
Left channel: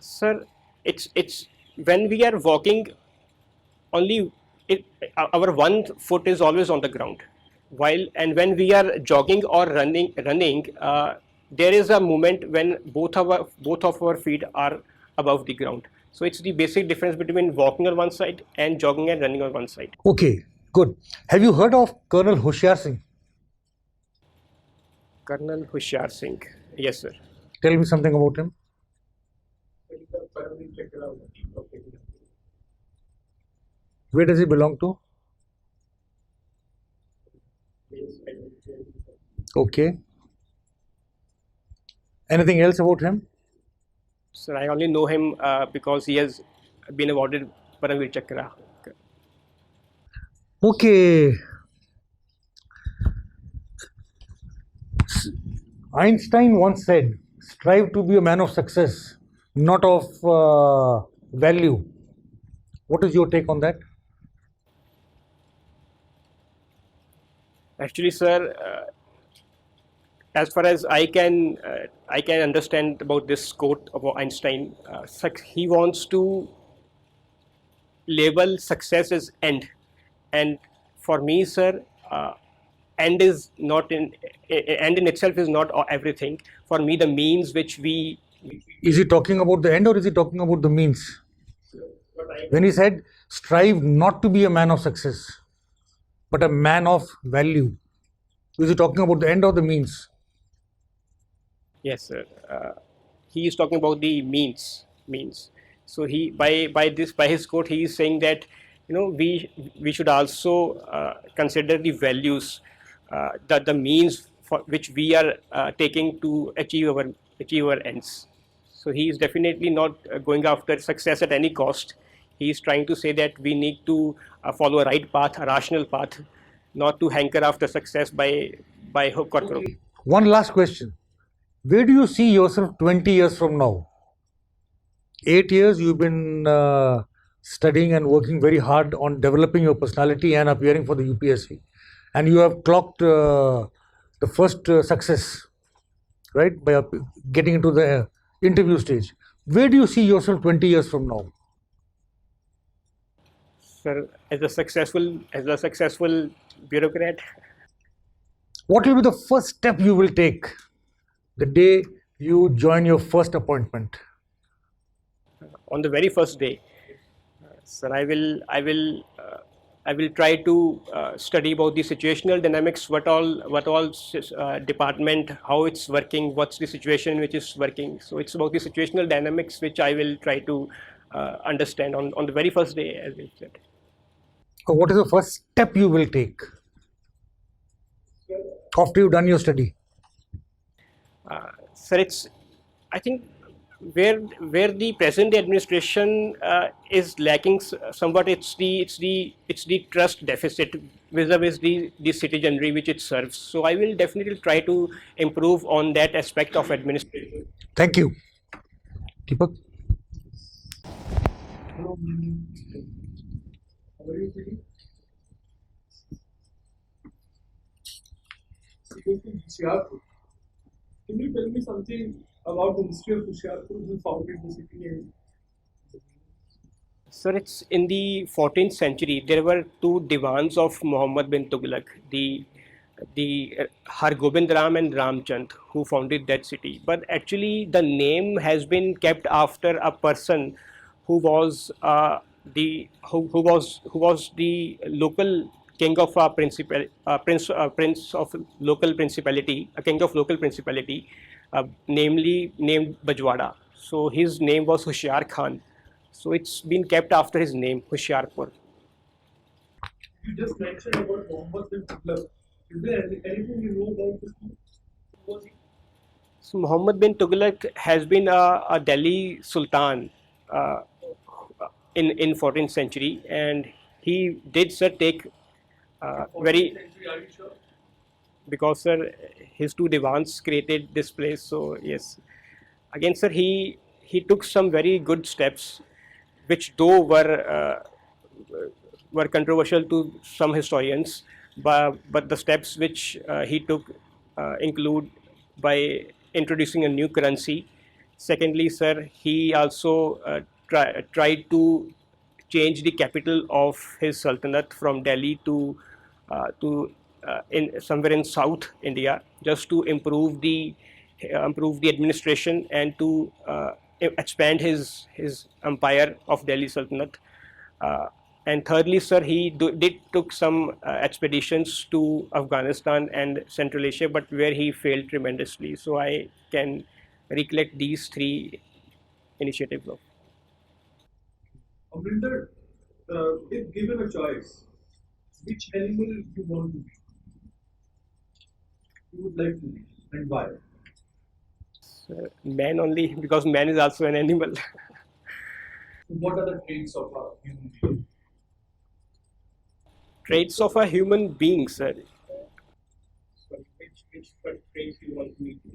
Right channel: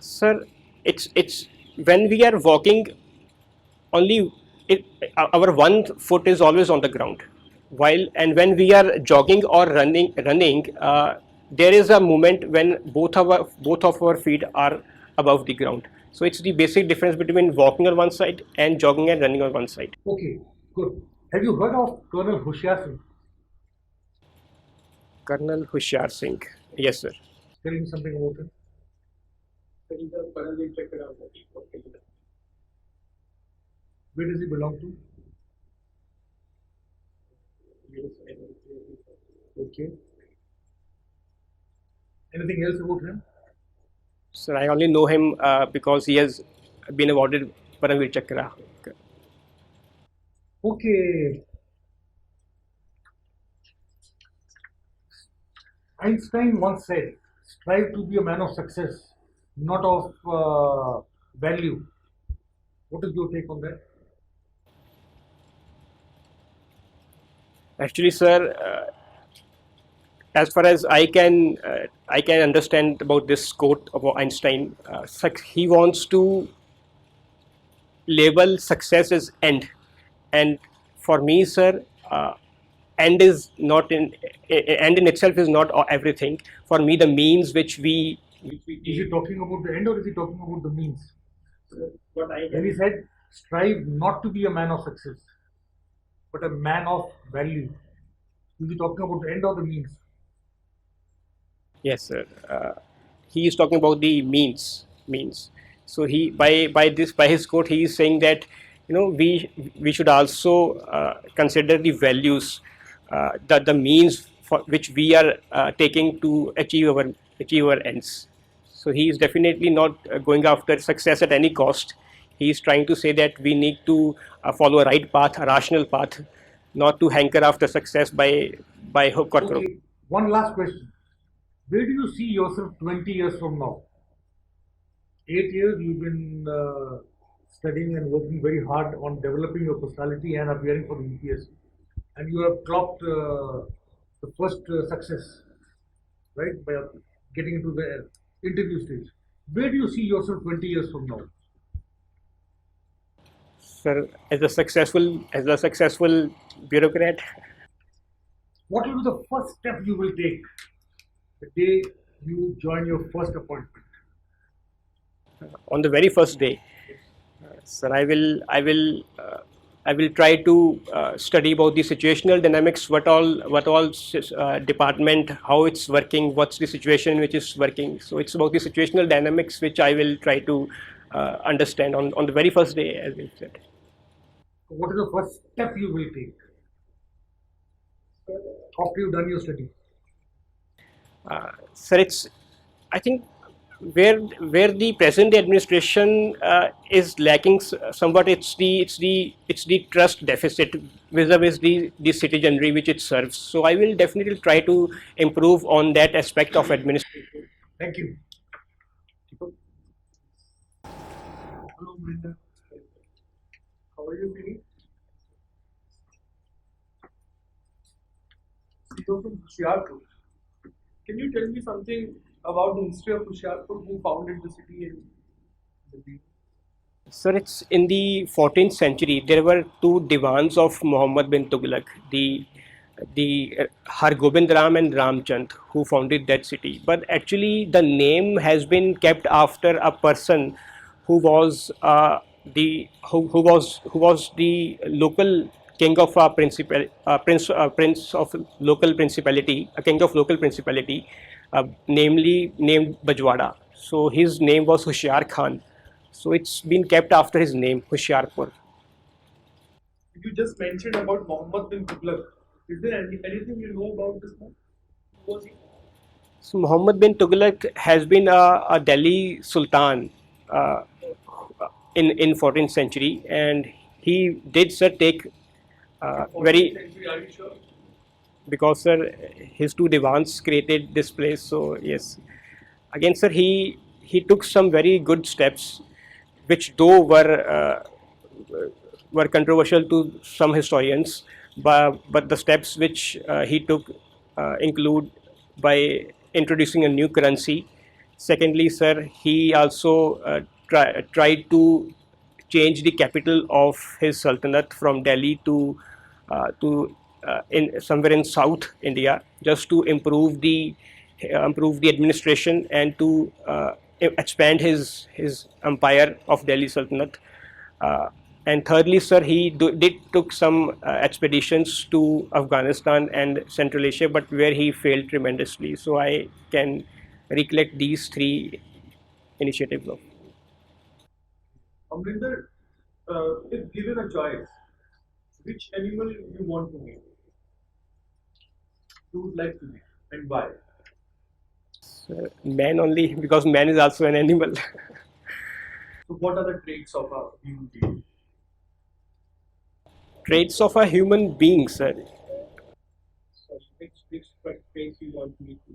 Sir, it's when we are walking, only our one foot is always on the ground. And when we are jogging or running, there is a moment when both of our feet are above the ground. So it's the basic difference between walking on one side and jogging and running on one side. Okay, good. Have you heard of Colonel Hoshiar Singh? Colonel Hoshiar Singh, yes sir. Tell me something about him. Where does he belong to? Okay. Anything else about him? Sir, I only know him because he has been awarded Paramveer Chakra. Okay. Einstein once said, strive to be a man of success, not of value. What is your take on that? Actually, sir, as far as I can understand about this quote about Einstein, he wants to label success as end, and for me, sir, end in itself is not everything. For me, the means which we Is he talking about the end or is he talking about the means? When he said, strive not to be a man of success, but a man of value, is he talking about the end or the means? Yes, sir. He is talking about the means. So he by his quote, he is saying that we should also consider the values, the means for which we are taking to achieve our ends. So he is definitely not going after success at any cost. He is trying to say that we need to follow a right path, a rational path, not to hanker after success by hook or crook. One last question. Where do you see yourself 20 years from now? 8 years you've been studying and working very hard on developing your personality and appearing for the UPSC. And you have clocked the first success, right, by getting into the interview stage. Where do you see yourself 20 years from now? Sir, as a successful bureaucrat. What will be the first step you will take the day you join your first appointment? On the very first day, sir, I will try to study about the situational dynamics, what all department, how it's working, what's the situation which is working. So it's about the situational dynamics which I will try to understand on the very first day, as you said. What is the first step you will take? after you've done your study? Sir, it's, I think, where the present administration is lacking somewhat, it's the trust deficit vis-a-vis the citizenry which it serves. So I will definitely try to improve on that aspect of administration. Thank you. Deepak? Hello, Brinda. How are you feeling? So you're from Hoshiarpur. Can you tell me something about the history of Hoshiarpur? Who founded the city and the Sir, it's in the 14th century. There were two divans of Muhammad bin Tughlaq, the Har Gobind Ram and Ramchand, who founded that city. But actually, the name has been kept after a person who was who was the local king of a prince of local principality, a king of local principality, namely named Bajwada. So his name was Hoshiar Khan. So it's been kept after his name, Hoshiarpur. You just mentioned about Muhammad bin Tughlaq. Is there anything you know about this man? Who was he? So Muhammad bin Tughlaq has been a Delhi Sultan uh, in 14th century, and he did, sir, take very, 14th century, are you sure? because, sir, his two divans created this place. So yes, again, sir, he took some very good steps, which though were controversial to some historians, but the steps which he took include by introducing a new currency. Secondly, sir, he also tried to change the capital of his sultanate from Delhi to in somewhere in South India, just to improve the administration and to expand his empire of Delhi Sultanate. And thirdly, sir, he did took some expeditions to Afghanistan and Central Asia, but where he failed tremendously. So I can recollect these three initiatives of. Amrinder, if given a choice, which animal you want to be? You would like to be, and why? Man only, because man is also an animal. So, what are the traits of a human being? Traits of a human being, sir. Sorry, which traits you want me to?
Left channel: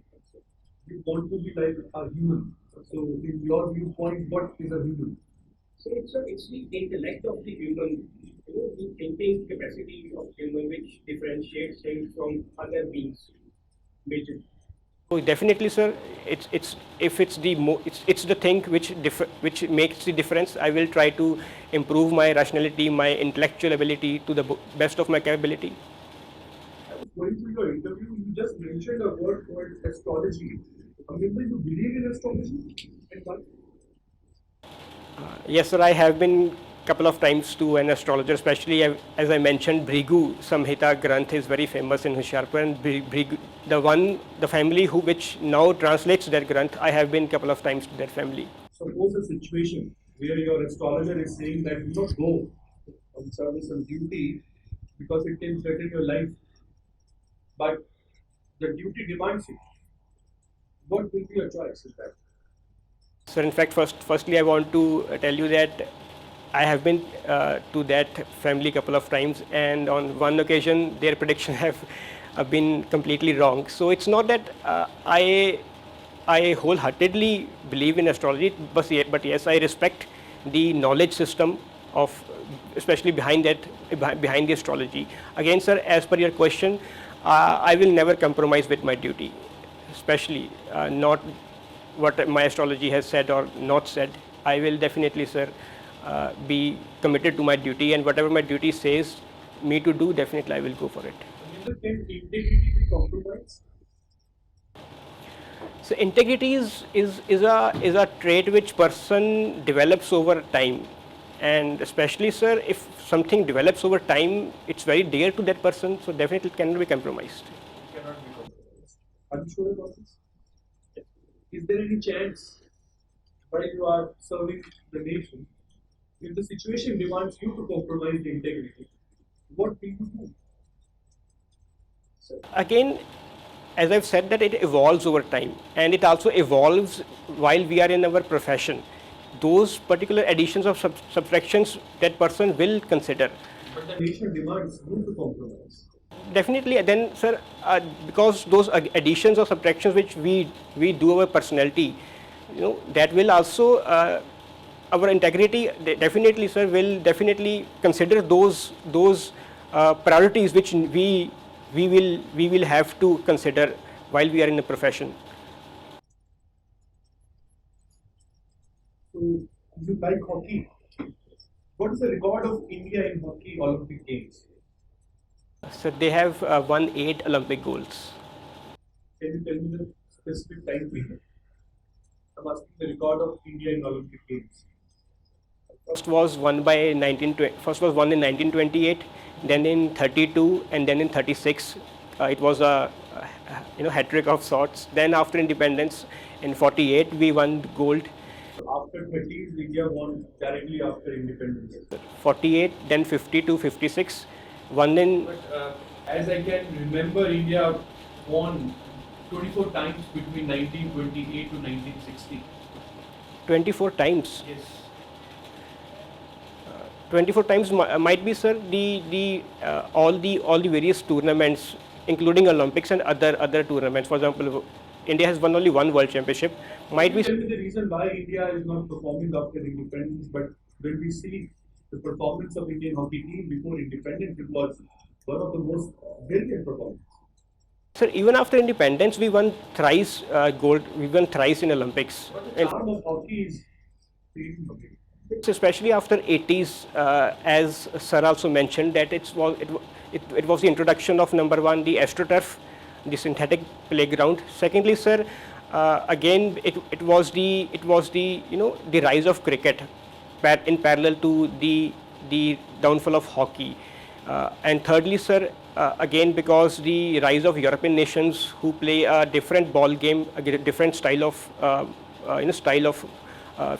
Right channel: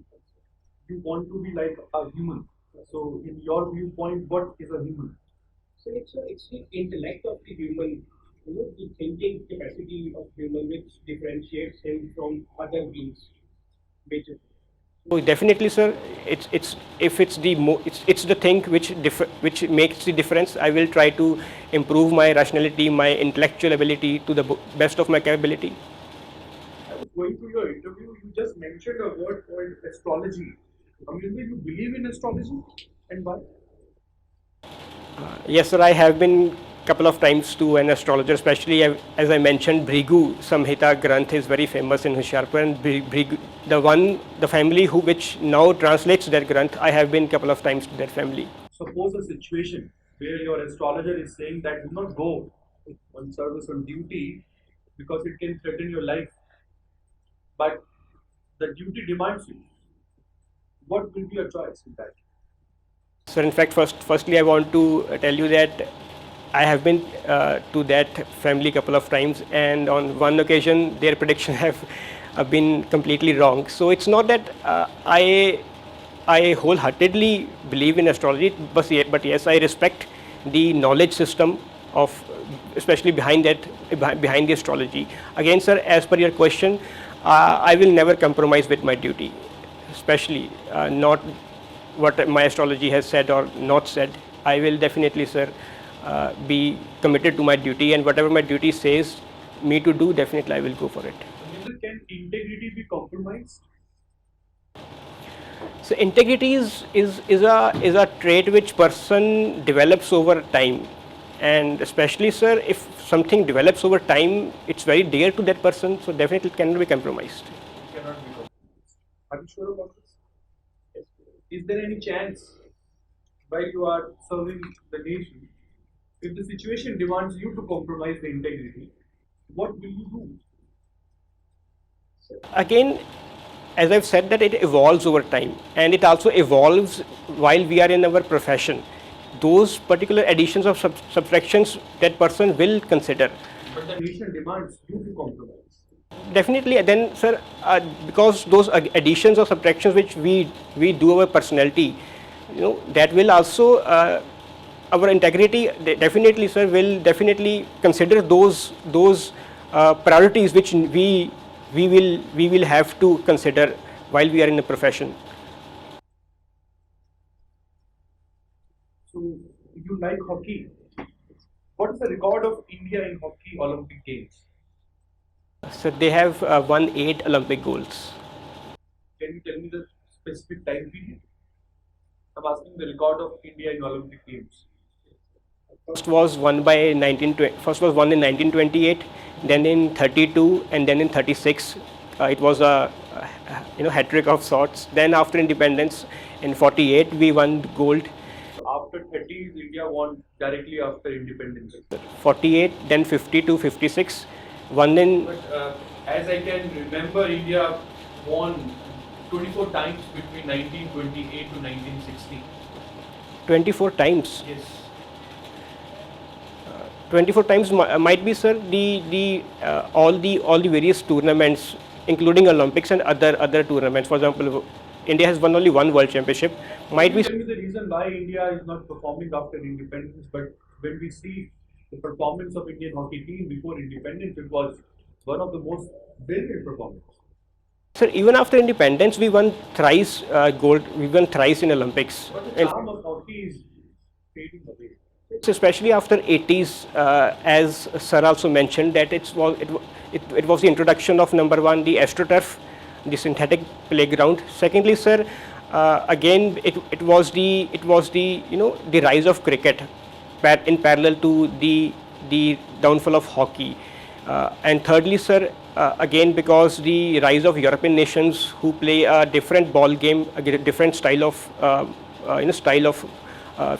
You want to be like a human. So, in your viewpoint, what is a human? So it's the intellect of the human, the thinking capacity of human, which differentiates him from other beings, major. So definitely, sir, it's if it's the it's the thing which makes the difference. I will try to improve my rationality, my intellectual ability to the best of my capability. I was going through your interview, you just mentioned a word called astrology. Amrinder, you believe in astrology, and why? Yes, sir, I have been couple of times to an astrologer, especially as I mentioned, Bhrigu Samhita Granth is very famous in Hoshiarpur, and Bhrigu, the family which now translates that Granth, I have been couple of times to that family. Suppose a situation where your astrologer is saying that do not go on service on duty because it can threaten your life, but the duty demands you. What will be your choice in that? So in fact, firstly, I want to tell you that I have been to that family couple of times, and on one occasion, their predictions have been completely wrong. So it's not that I wholeheartedly believe in astrology, but yes, I respect the knowledge system of, especially behind the astrology. Again, sir, as per your question, I will never compromise with my duty, especially not what my astrology has said or not said. I will definitely, sir, be committed to my duty, and whatever my duty says me to do, definitely I will go for it. Can integrity be compromised? So integrity is a trait which person develops over time, and especially, sir, if something develops over time, it's very dear to that person, so definitely it cannot be compromised. It cannot be compromised. Are you sure about this? Is there any chance while you are serving the nation, if the situation demands you to compromise the integrity, what will you do? Again, as I've said, that it evolves over time, and it also evolves while we are in our profession. Those particular additions or subtractions that person will consider. But the nation demands you to compromise. Definitely, then, sir, because those additions or subtractions which we do our personality, that will also our integrity. Definitely, sir, will definitely consider those priorities which we will have to consider while we are in a profession. So you like hockey. What is the record of India in hockey Olympic Games? So they have won 8 Olympic golds. Can you tell me the specific time period? I'm asking the record of India in Olympic Games. First was won in 1928, then in 32, and then in 36. It was a hat trick of sorts. Then after independence in 48 we won gold. After 30s, India won directly after independence. 48, then 52, 56, one in. But as I can remember, India won 24 times between 1928 to 1960. 24 times. Yes. 24 times might be, sir, the all the various tournaments, including Olympics and other tournaments. For example, India has won only one World Championship. Might Can you be. tell me the reason why India is not performing after independence, but when we see the performance of Indian hockey team before independence, it was one of the most brilliant performances. Sir, even after independence, we won thrice gold. We won thrice in Olympics. But the charm of hockey is fading away. Especially after 80s, as Sir also mentioned, that it was the introduction of number one, the AstroTurf, the synthetic playground. Secondly, sir, again it was the the rise of cricket, in parallel to the downfall of hockey. And thirdly, sir, again because the rise of European nations who play a different ball game, a different style of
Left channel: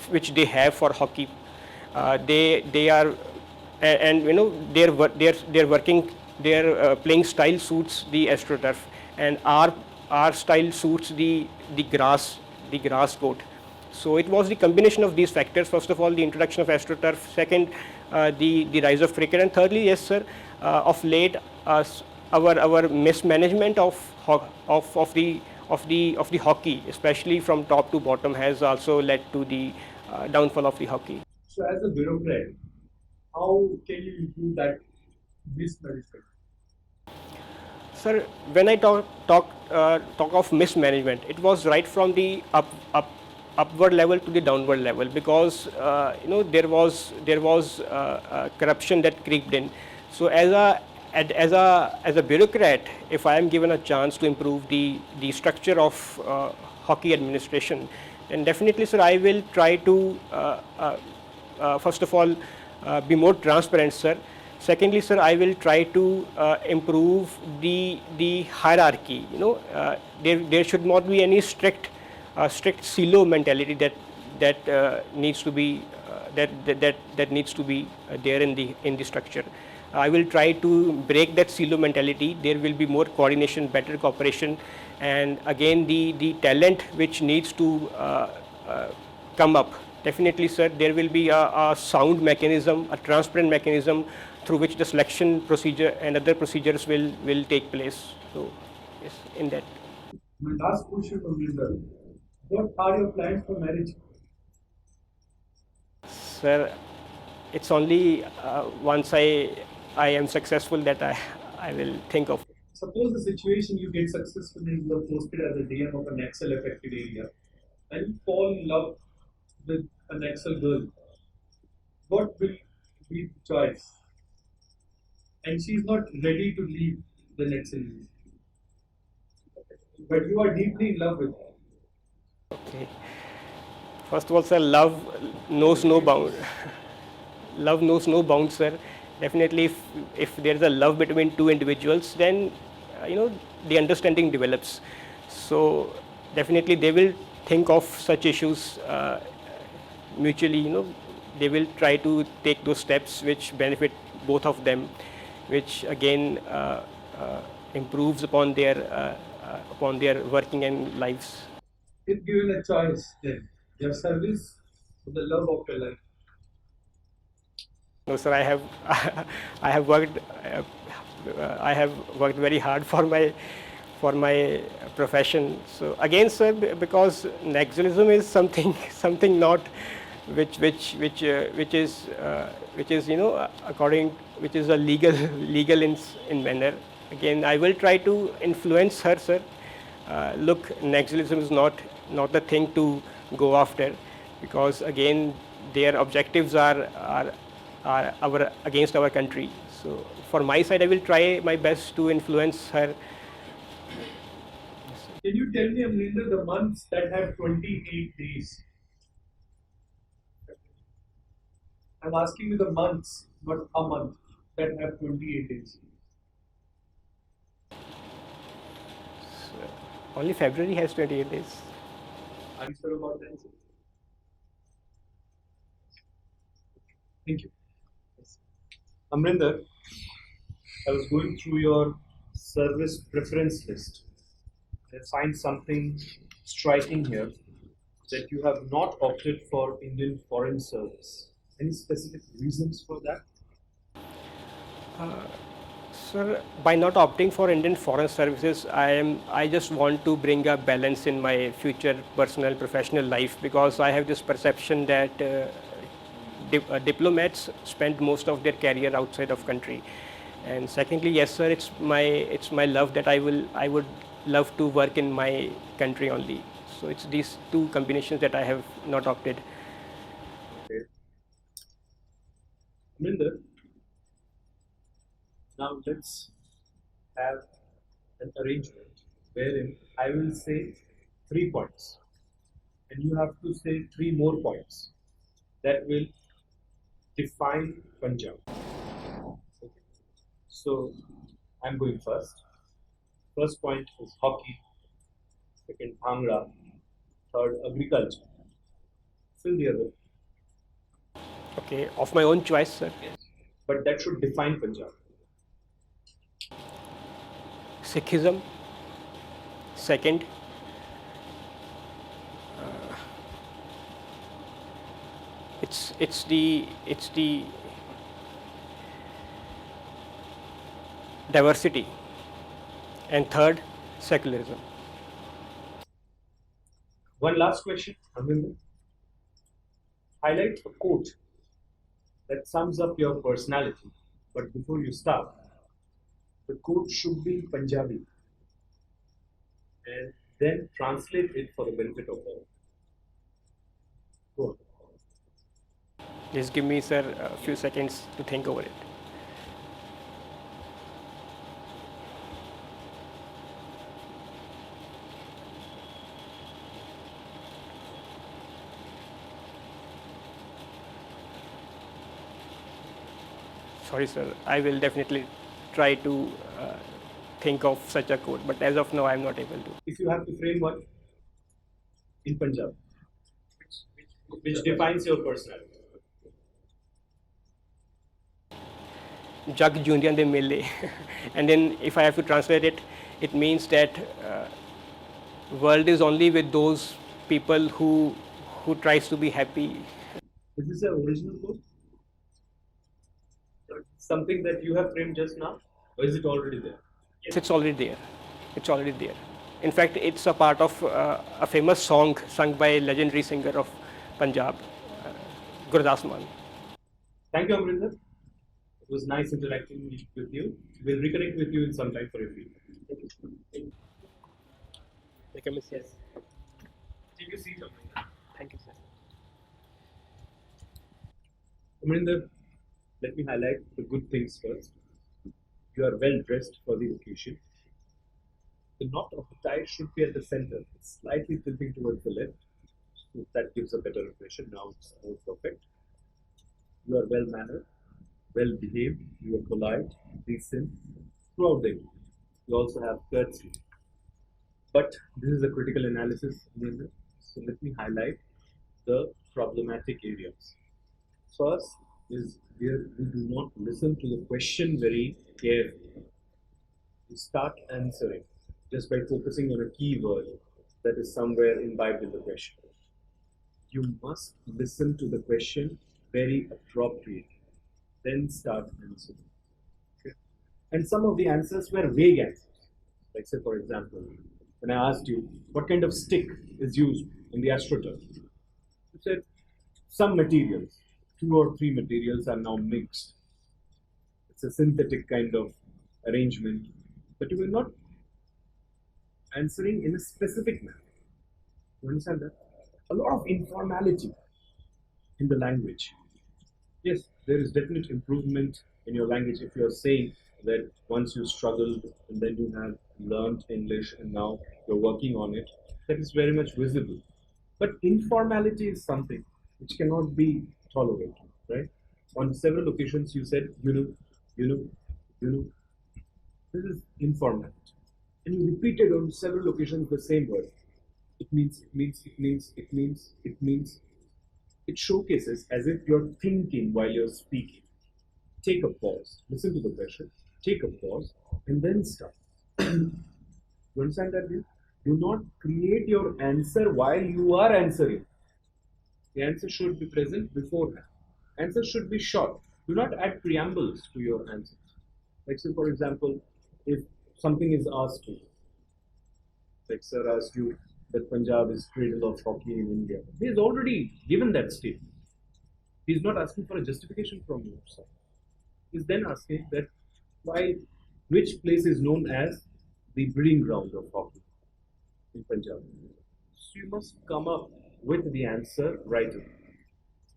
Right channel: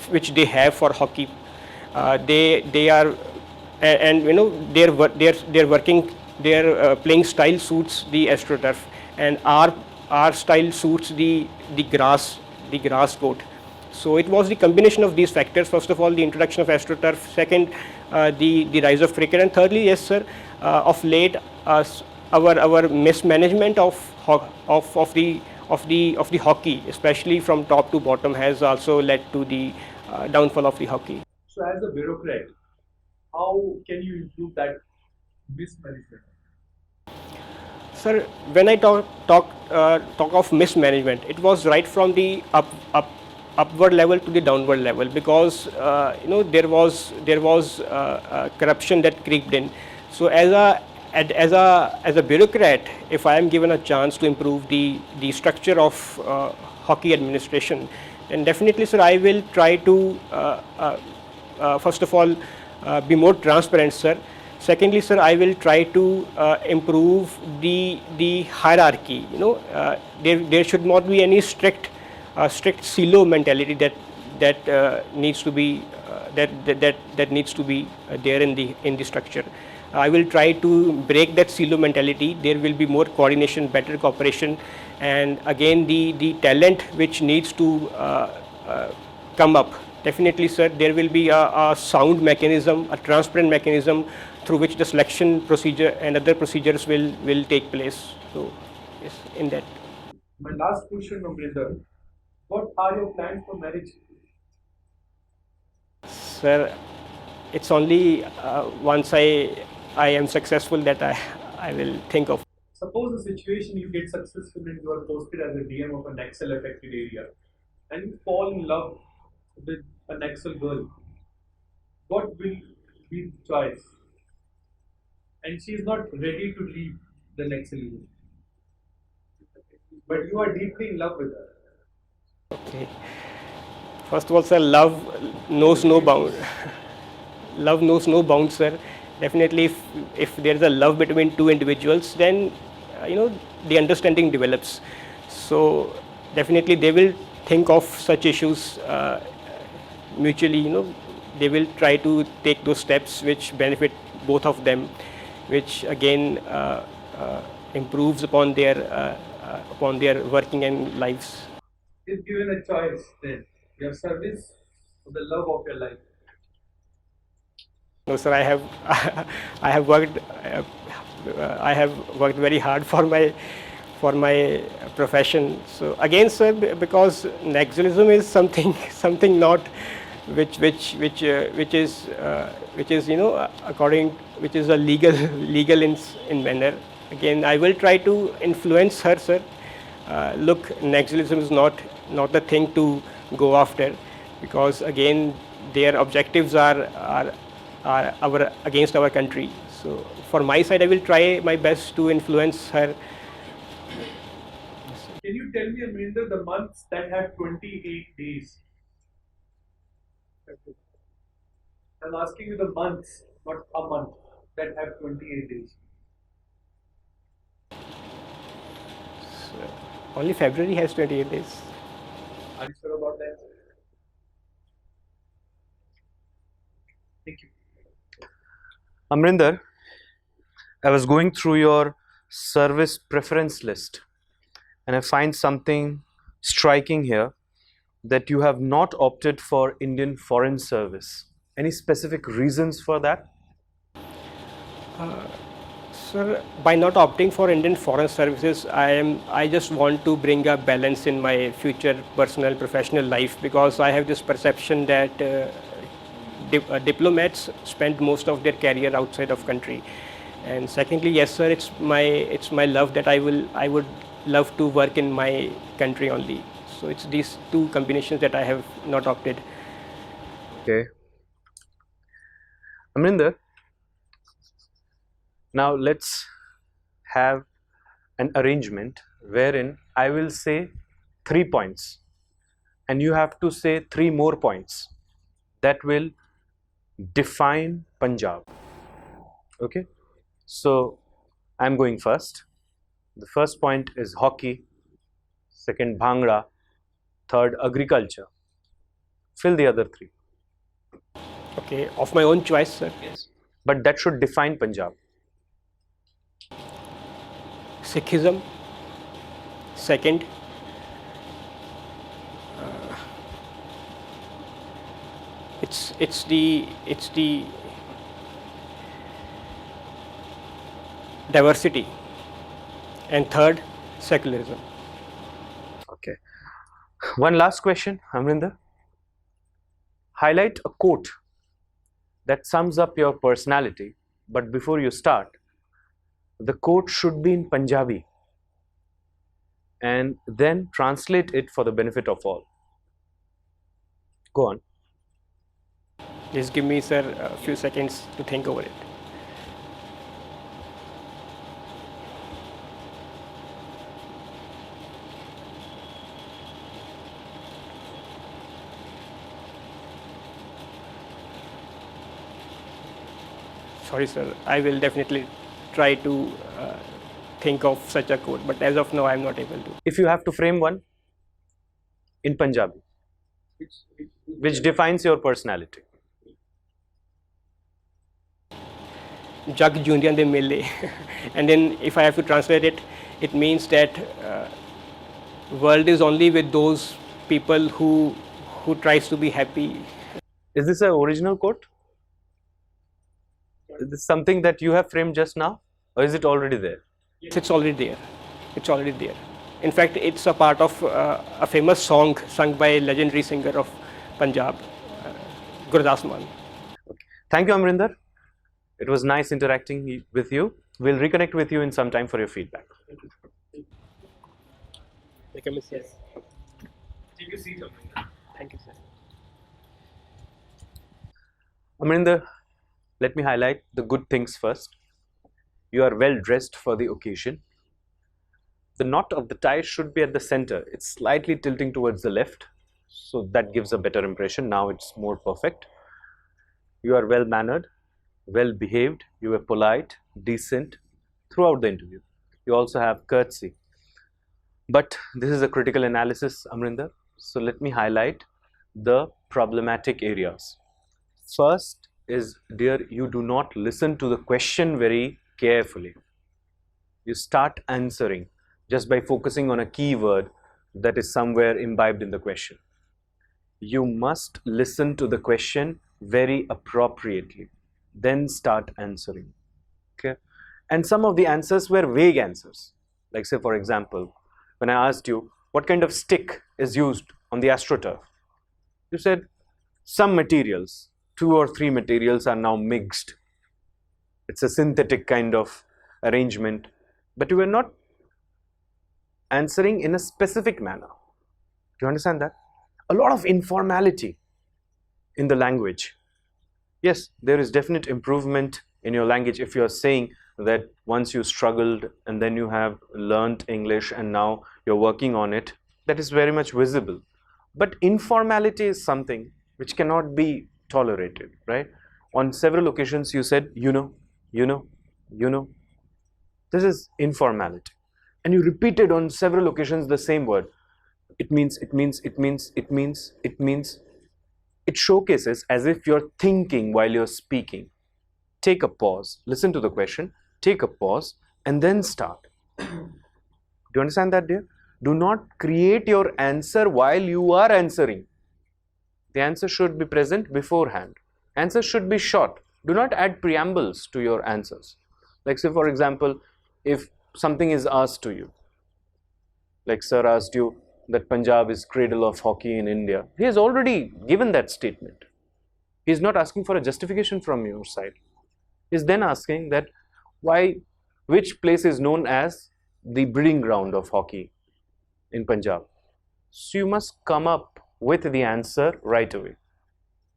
which they have for hockey. They are, and their playing style suits the AstroTurf, and our style suits the grass court. So it was the combination of these factors. First of all, the introduction of AstroTurf. Second, the rise of cricket, and thirdly, yes, sir, of late, our mismanagement of the hockey, especially from top to bottom, has also led to the downfall of the hockey. So, as a bureaucrat, how can you improve that mismanagement? Sir, when I talk of mismanagement, it was right from the upward level to the downward level, because there was corruption that creeped in. So as a bureaucrat, if I am given a chance to improve the structure of hockey administration, then definitely, sir, I will try to first of all be more transparent, sir. Secondly, sir, I will try to improve the hierarchy. There should not be any strict silo mentality that needs to be that needs to be there in the structure. I will try to break that silo mentality. There will be more coordination, better cooperation, and again the talent which needs to come up. Definitely, sir, there will be a sound mechanism, a transparent mechanism through which the selection procedure and other procedures will take place. So, yes, in that. My last question, Amrinder, what are your plans for marriage? Sir, it's only once I am successful that I will think of. Suppose the situation you get successful and you are posted as a DM of an Excel affected area and you fall in love with an Excel girl. What will be the choice? And she is not ready to leave the Excel area. But you are deeply in love with her. Okay. First of all, sir, love knows no bound. Love knows no bounds, sir. Definitely, if there is a love between two individuals, then the understanding develops. So definitely, they will think of such issues mutually. They will try to take those steps which benefit both of them, which again improves upon their working and lives. If given a choice, then your service or the love of your life. No, sir, I have I have worked I have worked very hard for my profession. So again, sir, because nationalism is something something not which is according which is a legal legal in manner. Again, I will try to influence her, sir. Look, nationalism is not the thing to go after, because again their objectives are our against our country. So for my side, I will try my best to influence her. Can you tell me, Amrinder, the months that have 28 days? I'm asking you the months, not a month, that have 28 days. Only February has 28 days. Are you sure about the answer? Thank you. Amrinder, I was going through your service preference list and I find something striking here, that you have not opted for Indian Foreign Service. Any specific reasons for that? Sir, by not opting for Indian Foreign Services, I just want to bring a balance in my future personal professional life, because I have this perception that diplomats spend most of their career outside of country. And secondly, yes, sir, it's my love that I would love to work in my country only. So it's these two combinations that I have not opted. Okay. Amrinder, now let's have an arrangement wherein I will say 3 points and you have to say 3 more points that will define Punjab. Okay, so I'm going first. The first point is hockey, second bhangra, third agriculture. Fill the other 3. Okay, of my own choice, sir. Yes, but that should define Punjab. Sikhism. Second, it's the diversity, and third, secularism. Okay. One last question, Amrinder. Highlight a quote that sums up your personality, but before you start, the quote should be in Punjabi and then translate it for the benefit of all. Go on. Just give me, sir, a few seconds to think over it. Sorry, sir. I will definitely try to think of such a quote, but as of now, I am not able to. If you have to frame one in Punjabi, which defines your personality. Jug Jundian de Mele. And then if I have to translate it, it means that world is only with those people who tries to be happy. Is this an original quote? Is this something that you have framed just now, or is it already there? It's already there. It's already there. In fact, it's a part of a famous song sung by legendary singer of Punjab, Gurdas Mann. Thank you, Amrinder. It was nice interacting with you. We'll reconnect with you in some time for your feedback. Take a miss. Yes. Take a seat, Amrinder. Thank you, sir. Amrinder, let me highlight the good things first. You are well dressed for the occasion. The knot of the tie should be at the center. It's slightly tilting towards the left, so that gives a better impression. Now it's more perfect. You are well mannered, well behaved, you were polite, decent throughout the interview. You also have courtesy. But this is a critical analysis, Amrinder. So let me highlight the problematic areas. First is, dear, you do not listen to the question very carefully. You start answering just by focusing on a keyword that is somewhere imbibed in the question. You must listen to the question very appropriately, then start answering. Okay? And some of the answers were vague answers. Like, say, for example, when I asked you what kind of stick is used on the AstroTurf, you said some materials, 2 or 3 materials are now mixed. It's a synthetic kind of arrangement, but you were not answering in a specific manner. Do you understand that? A lot of informality in the language. Yes, there is definite improvement in your language if you are saying that once you struggled and then you have learned English and now you're working on it. That is very much visible. But informality is something which cannot be tolerated, right? On several occasions you said, you know. This is informality. And you repeated on several occasions the same word. It means. It showcases as if you're thinking while you're speaking. Take a pause, listen to the question, take a pause, and then start. Do you understand that, dear? Do not create your answer while you are answering. The answer should be present beforehand. Answers should be short. Do not add preambles to your answers. Like, say, for example, if something is asked to you, like sir asked you that Punjab is cradle of hockey in India. He has already given that statement. He is not asking for a justification from your side. He is then asking that which place is known as the breeding ground of hockey in Punjab. So you must come up with the answer right away,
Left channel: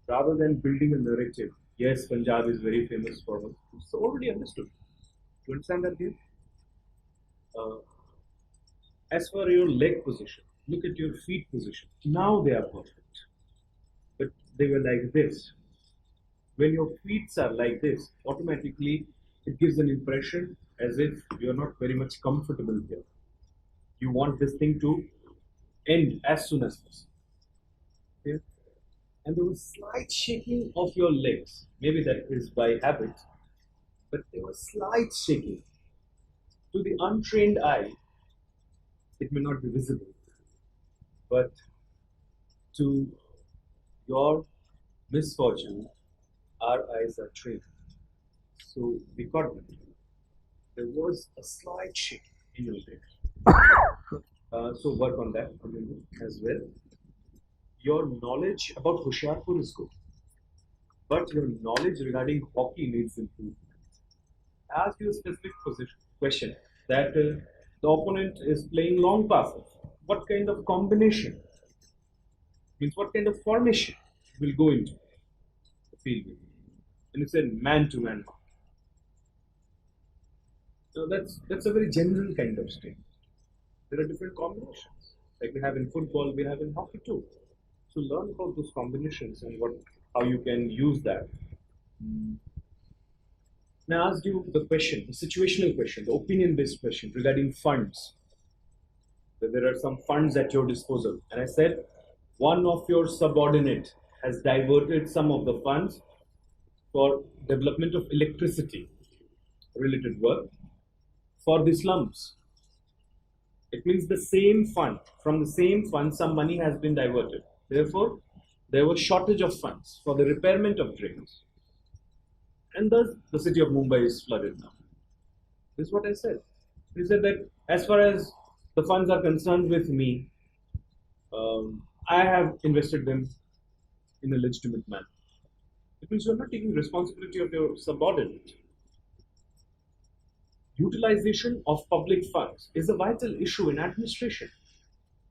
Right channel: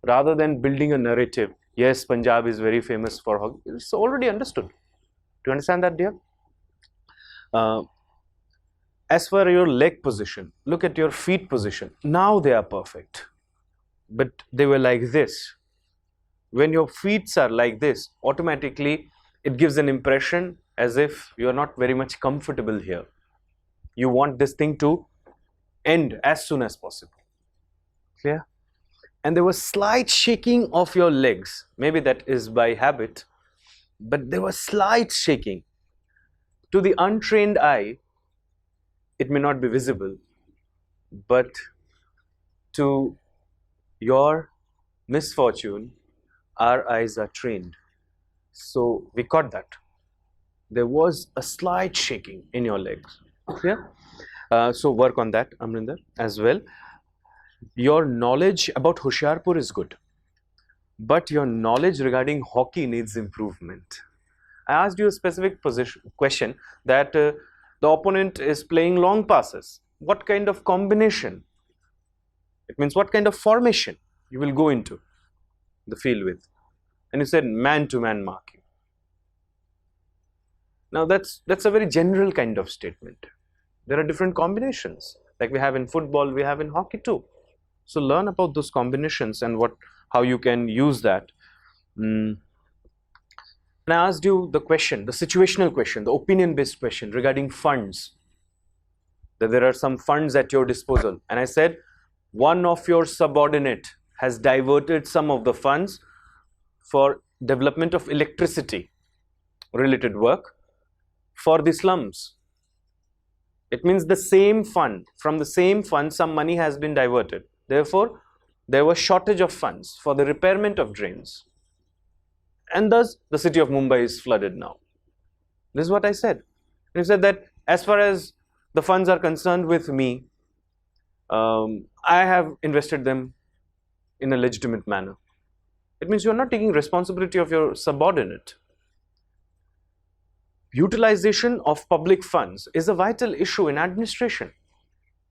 rather than building a narrative. Yes, Punjab is very famous for hockey. It's already understood. Do you understand that, dear? As for your leg position, look at your feet position. Now they are perfect, but they were like this. When your feet are like this, automatically it gives an impression as if you are not very much comfortable here. You want this thing to end as soon as possible. Clear? And there was slight shaking of your legs. Maybe that is by habit, but there was slight shaking. To the untrained eye, it may not be visible, but to your misfortune, our eyes are trained. So we caught that. There was a slight shaking in your legs. Okay? So work on that, Amrinder, as well. Your knowledge about Hoshiarpur is good, but your knowledge regarding hockey needs improvement. I asked you a specific question that the opponent is playing long passes. What kind of combination? It means what kind of formation you will go into the field with. And you said man-to-man marking. Now that's a very general kind of statement. There are different combinations. Like we have in football, we have in hockey too. So learn about those combinations and how you can use that. And I asked you the question, the situational question, the opinion-based question regarding funds. That there are some funds at your disposal. And I said, one of your subordinate has diverted some of the funds for development of electricity related work for the slums. It means the same fund, from the same fund, some money has been diverted. Therefore, there was shortage of funds for the repairment of drains. And thus, the city of Mumbai is flooded now. This is what I said. I said that as far as the funds are concerned with me, I have invested them in a legitimate manner. It means you are not taking responsibility of your subordinate. Utilization of public funds is a vital issue in administration.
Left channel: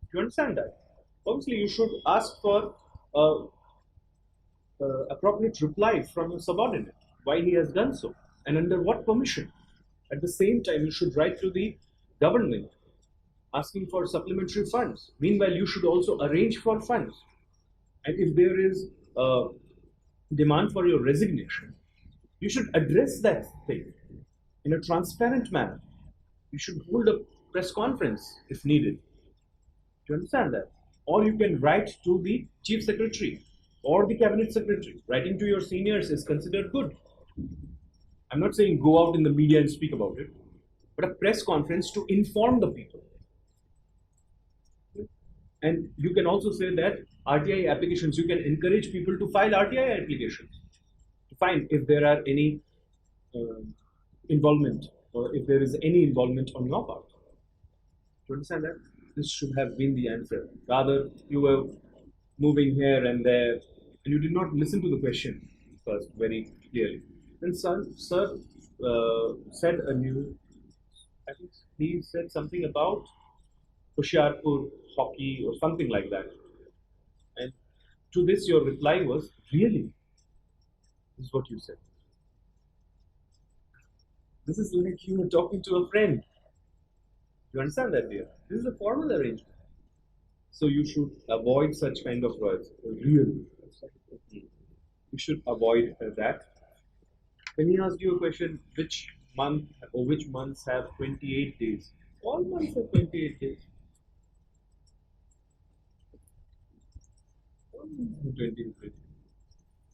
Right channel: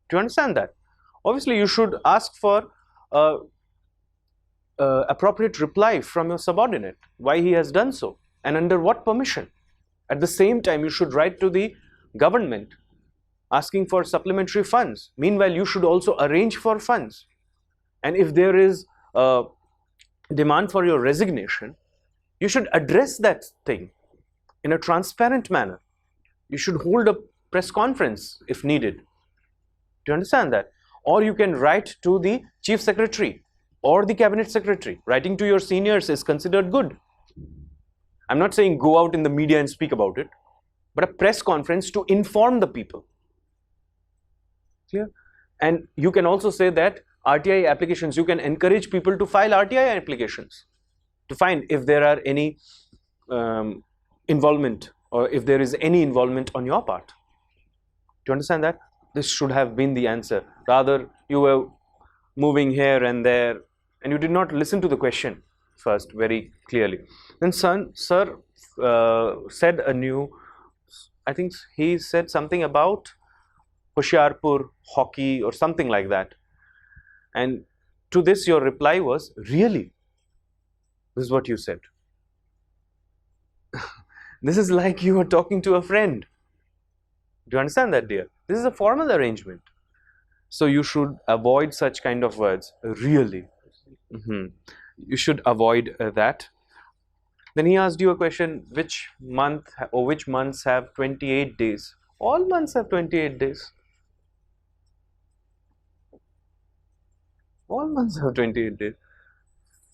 Do you understand that? Obviously, you should ask for appropriate reply from your subordinate, why he has done so and under what permission. At the same time, you should write to the government asking for supplementary funds. Meanwhile, you should also arrange for funds. And if there is a demand for your resignation, you should address that thing in a transparent manner. You should hold a press conference if needed. Do you understand that? Or you can write to the chief secretary or the cabinet secretary. Writing to your seniors is considered good. I'm not saying go out in the media and speak about it, but a press conference to inform the people. Clear? And you can also say that RTI applications, you can encourage people to file RTI applications to find if there are any involvement, or if there is any involvement on your part. Do you understand that? This should have been the answer. Rather, you were moving here and there, and you did not listen to the question first very clearly. Then sir said I think he said something about Hoshiarpur hockey or something like that. And to this your reply was, really? This is what you said. This is like you were talking to a friend. Do you understand that, dear? This is a formal arrangement. So you should avoid such kind of words, really. You should avoid that. Then he asked you a question, which month or which months have 28 days? All months have 28 days. All months have 28 days.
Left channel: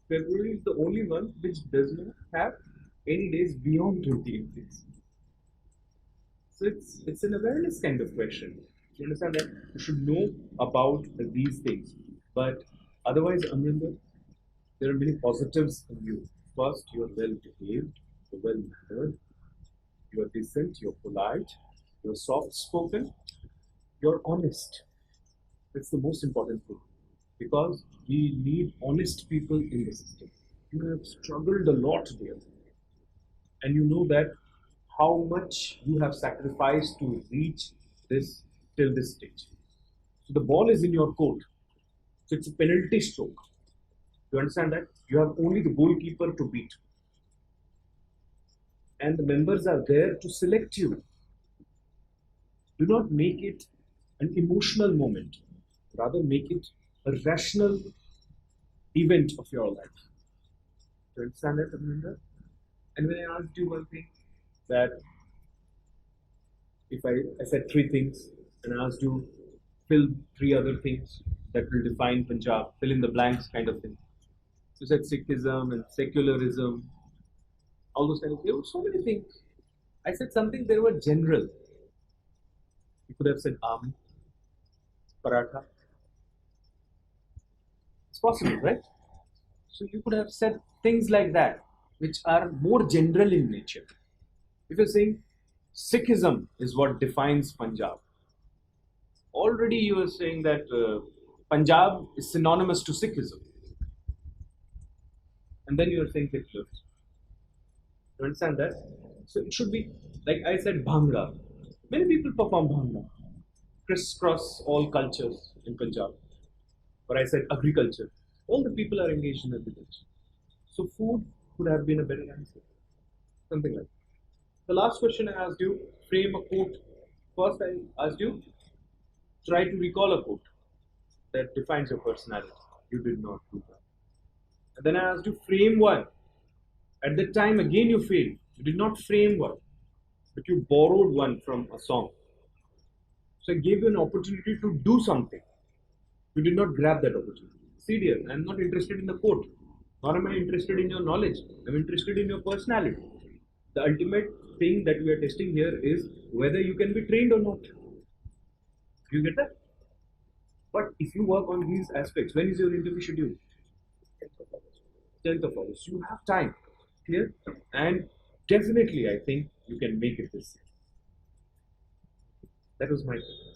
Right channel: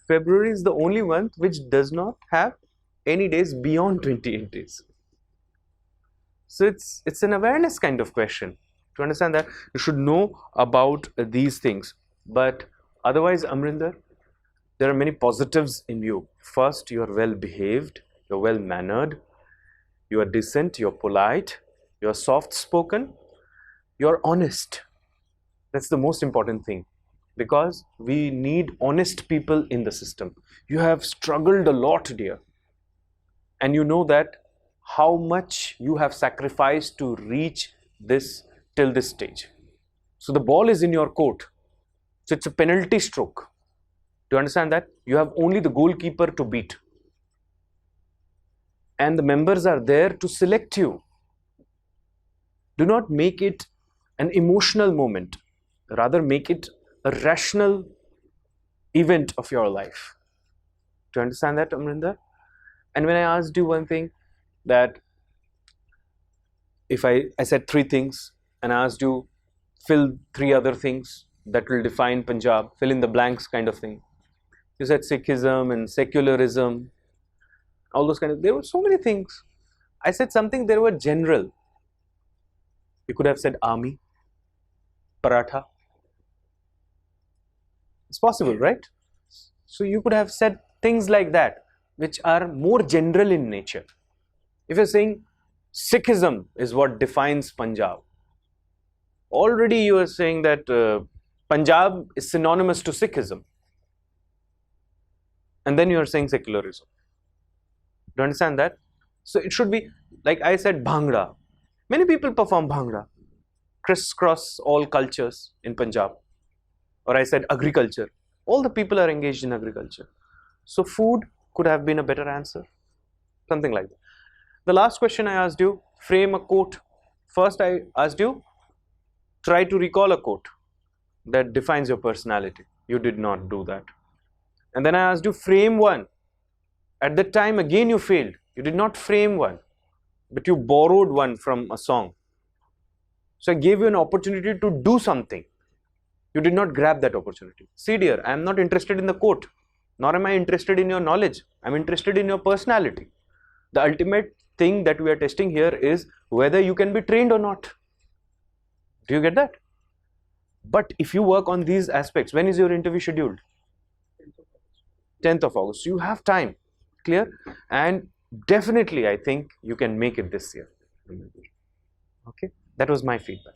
February is the only month which does not have any days beyond 28 days. So it's an awareness kind of question. To understand that, you should know about these things. But otherwise, Amrinder, there are many positives in you. First, you are well behaved, you're well mannered, you are decent, you're polite, you're soft spoken, you're honest. That's the most important thing, because we need honest people in the system. You have struggled a lot, dear, and you know that how much you have sacrificed to reach this till this stage. So the ball is in your court. So it's a penalty stroke. Do you understand that? You have only the goalkeeper to beat. And the members are there to select you. Do not make it an emotional moment. Rather make it a rational event of your life. Do you understand that, Amrinder? And when I asked you one thing, that if I said 3 things and I asked you fill 3 other things that will define Punjab, fill in the blanks kind of thing. You said Sikhism and secularism, all those kind of, there were so many things. I said something, there were general. You could have said army, paratha. It's possible, right? So you could have said things like that, which are more general in nature. If you're saying Sikhism is what defines Punjab, already you are saying that Punjab is synonymous to Sikhism. And then you are saying secularism. Do you understand that? So it should be, like I said, Bhangra. Many people perform Bhangra, crisscross all cultures in Punjab. Or I said agriculture. All the people are engaged in agriculture. So food could have been a better answer. Something like that. The last question I asked you, frame a quote. First I asked you, try to recall a quote that defines your personality. You did not do that. And then I asked you, frame one. At that time, again you failed. You did not frame one, but you borrowed one from a song. So I gave you an opportunity to do something. You did not grab that opportunity. See, dear, I am not interested in the quote, nor am I interested in your knowledge. I am interested in your personality. The ultimate thing that we are testing here is whether you can be trained or not. Do you get that? But if you work on these aspects, when is your interview scheduled? 10th of August. You have time. Clear? And definitely I think you can make it this year. Okay? That was my feedback.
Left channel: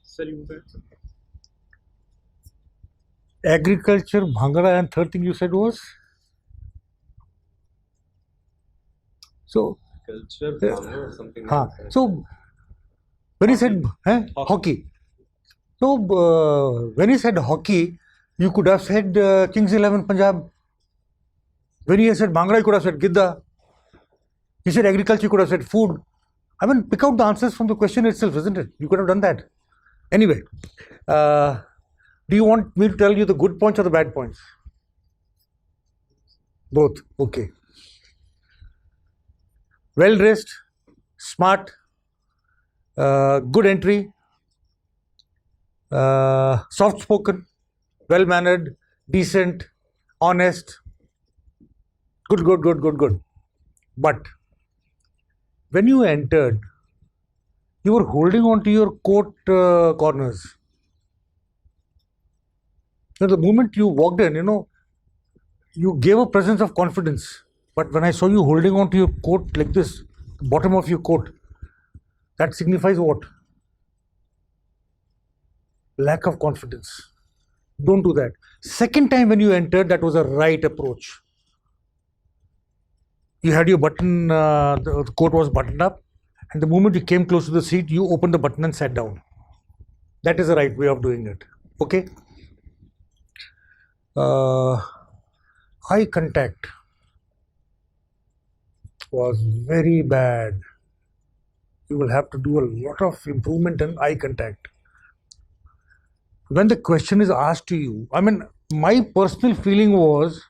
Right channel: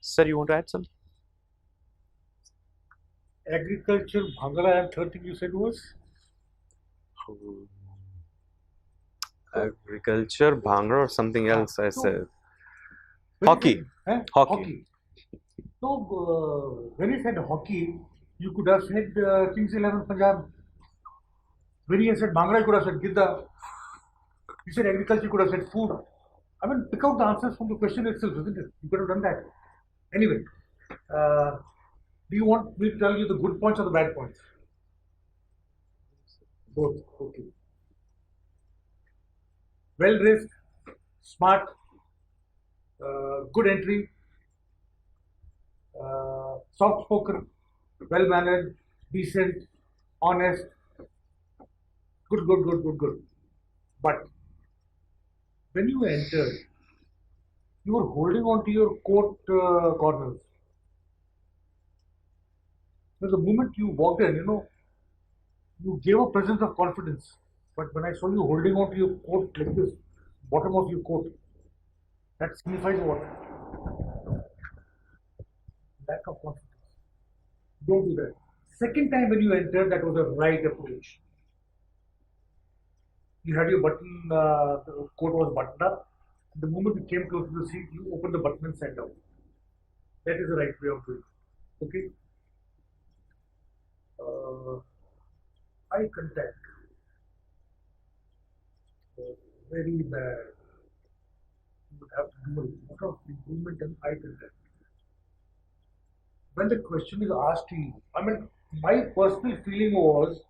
Sir, you want to add something? Agriculture, Bhangra, and third thing you said was? So, agriculture, Bhangra, or something else I so said. when Hockey. he said hockey. So when he said hockey, you could have said Kings 11 Punjab. When he said Bhangra, you could have said Gidda. He said agriculture, you could have said food. I mean, pick out the answers from the question itself, isn't it? You could have done that. Anyway, do you want me to tell you the good points or the bad points? Both. Okay. Well dressed, smart, good entry, soft spoken, well mannered, decent, honest. Good. But when you entered, you were holding on to your coat corners. The moment you walked in, you gave a presence of confidence. But when I saw you holding on to your coat like this, the bottom of your coat, that signifies what? Lack of confidence. Don't do that. Second time when you entered, that was a right approach. You had your button, the coat was buttoned up, and the moment you came close to the seat, you opened the button and sat down. That is the right way of doing it. Okay? Eye contact was very bad. You will have to do a lot of improvement in eye contact. When the question is asked to you, my personal feeling was,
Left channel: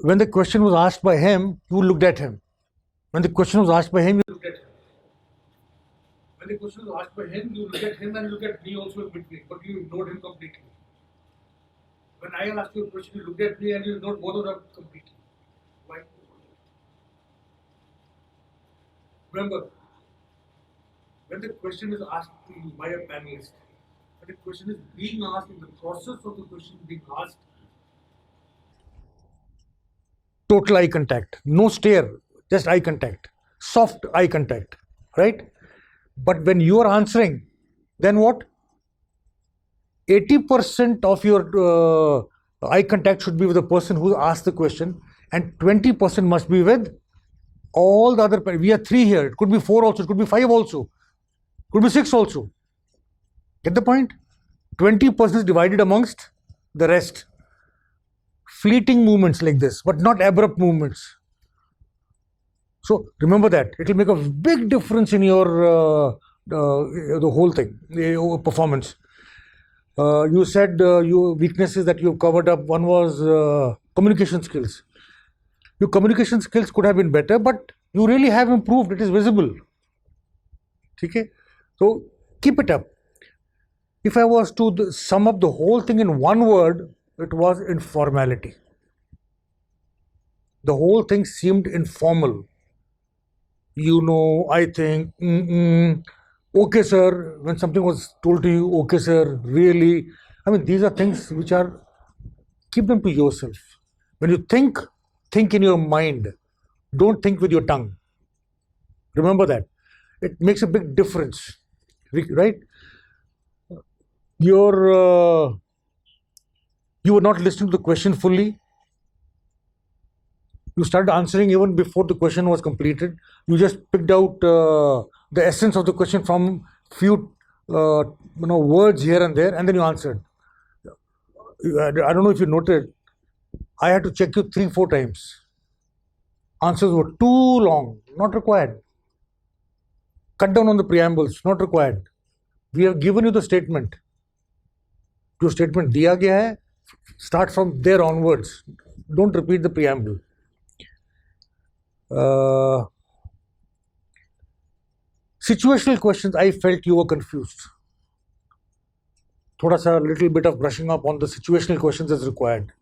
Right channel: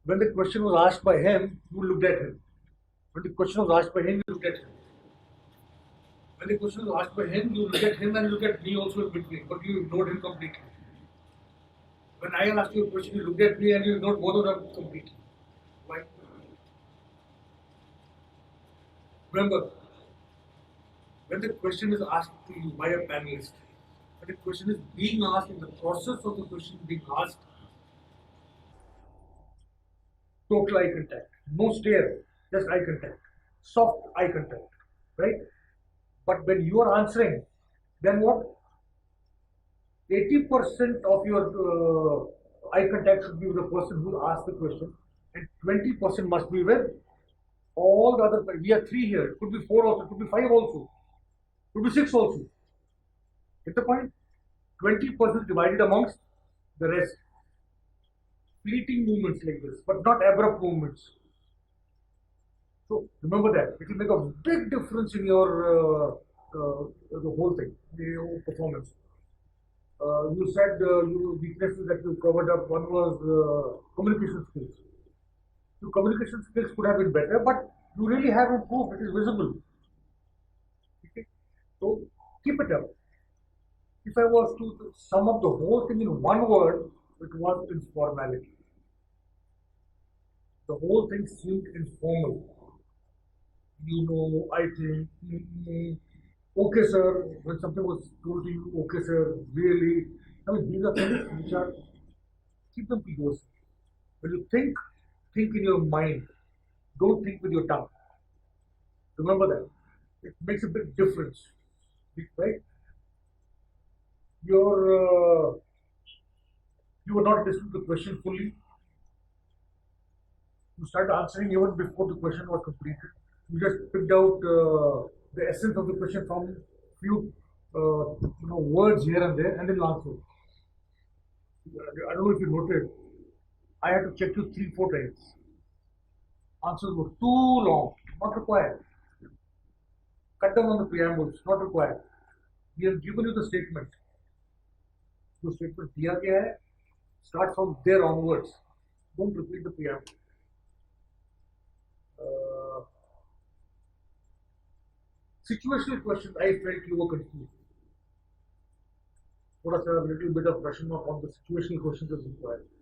when the question was asked by him, you looked at him. When the question was asked by him, you looked at him. When the question was asked by him, you looked at him and looked at me also in between, but you ignored him completely. When I asked you a question, you looked at me and you ignored both of them completely. Why? Remember, when the question is asked to you by a panelist, when the question is being asked, in the process of the question being asked, total eye contact, no stare, just eye contact, soft eye contact, right? But when you are answering, then what? 80% of your eye contact should be with the person who asked the question, and 20% must be with all the other. We are 3 here. It could be 4 also. It could be 5 also. It could be 6 also. Get the point? 20% is divided amongst the rest. Fleeting movements like this, but not abrupt movements. So remember that. It will make a big difference in your the whole thing, your performance. You said your weaknesses that you covered up. One was communication skills. Your communication skills could have been better, but you really have improved. It is visible. Okay? So keep it up. If I was to sum up the whole thing in one word, it was informality. The whole thing seemed informal. I think, okay sir, when something was told to you, okay sir, really. These are things which are, keep them to yourself. When you think in your mind. Don't think with your tongue. Remember that. It makes a big difference, right? You were not listening to the question fully. You started answering even before the question was completed. You just picked out the essence of the question from few words here and there, and then you answered. I don't know if you noted, I had to check you 3-4 times. Answers were too long, not required. Cut down on the preambles, not required. We have given you the statement. जो statement दिया गया है, start from there onwards. Don't repeat the preamble. Situational questions, I felt you were confused. थोड़ा सा little bit of brushing up on the situational questions is required,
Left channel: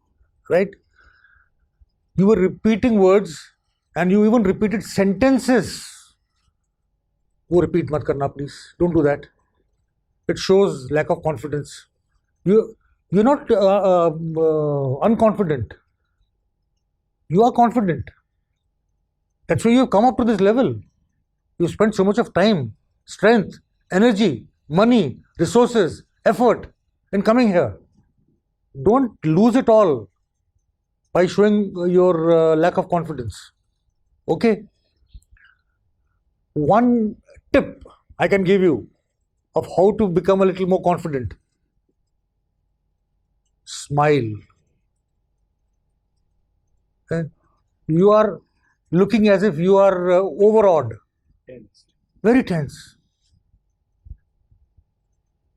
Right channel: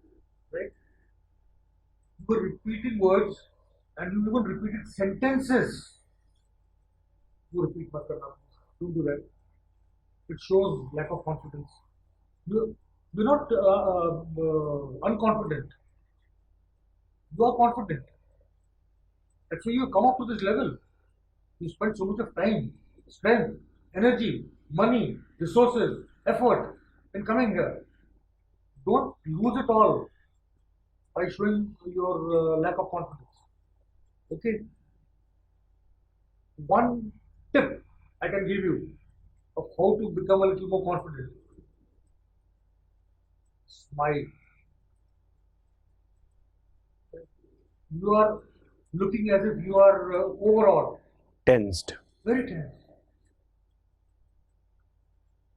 right? You were repeating words and you even repeated sentences. वो repeat मत करना, please. Don't do that. It shows lack of confidence. You're not unconfident. You are confident. That's why you've come up to this level. You spent so much of time, strength, energy, money, resources, effort in coming here. Don't lose it all by showing your lack of confidence. Okay? One tip I can give you of how to become a little more confident. Smile. Okay? You are looking as if you are overawed. Tensed. Very tense.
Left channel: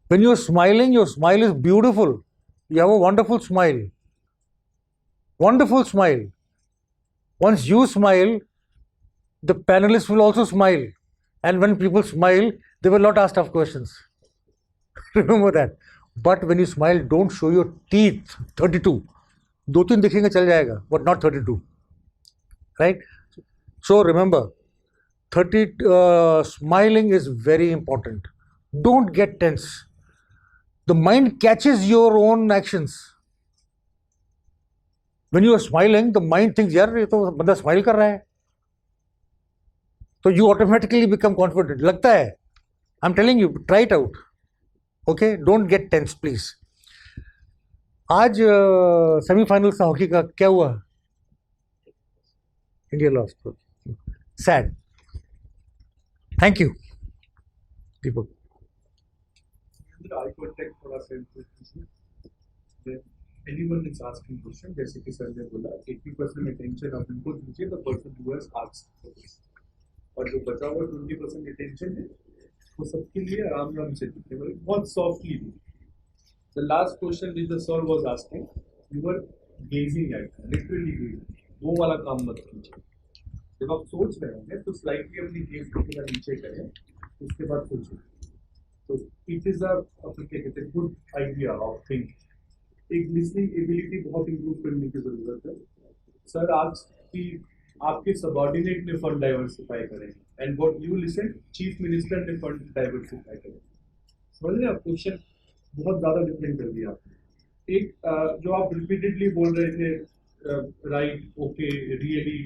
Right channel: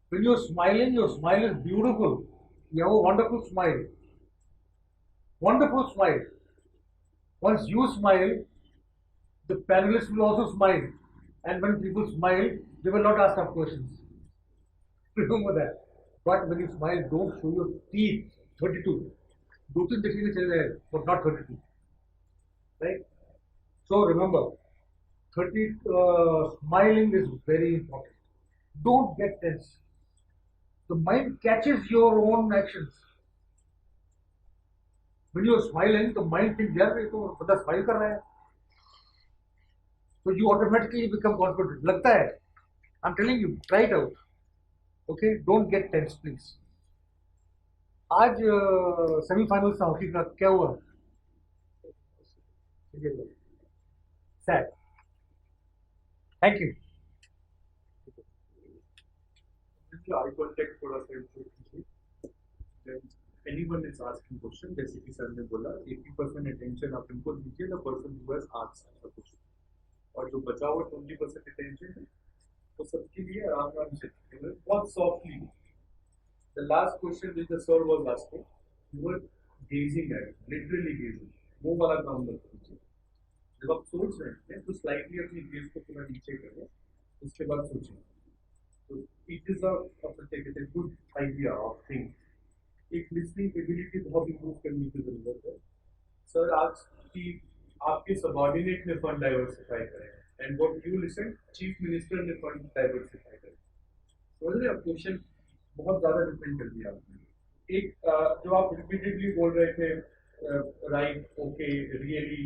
When you're smiling, your smile is beautiful. You have a wonderful smile. Wonderful smile. Once you smile, the panelists will also smile. And when people smile, they will not ask tough questions. Remember that. But when you smile, don't show your teeth. 32. 2-3 दिखेंगे चल जाएगा, but not 32. Right? So remember, 30, smiling is very important. Don't get tense. The mind catches your own actions. When you are smiling, the mind thinks, यार ये तो बंदा smile कर रहा है. So you automatically become confident. लगता है. I'm telling you, try it out. Okay, don't get tense, please. आज सेमीफाइनल्स हॉकी का क्या हुआ? India lost. Sad. Thank you Deepak. Eye contact थोड़ा सा then anyone is asking question, जैसे कि सर ने बोला 80% attention आप इनको दीजिए the person who has asked the question, और जो बचा हुआ 20% attention है वो सबके लिए आराम आराम से दीजिए, बहुत softly. The last question which the sir was asking, you were gazing at, literally gazing. वो वाला काम मत कीजिए. जब आप सोच रहे हैं तो स्लाइटली अपनी गेज को थोड़ा नीचे करें, उसके बाद सोचिए. तो इट इज अ क्या कहते हैं गुड आइडिया ऑफ थिंक. एक लिसनिंग एबिलिटी बहुत इंप्रूव करने की जरूरत है. सर आज की आपके सबऑर्डिनेट ने फंड डाइवर्सिफाई करे and what you listen chief minister ने फंड डाइवर्सिफाई करे. समझ रहे हैं? क्वेश्चन बहुत ज्यादा डिफरेंट कर दिया आपने. एक जो आप रिपीटेडली बोल रहे थे राइट, ओके, रियली,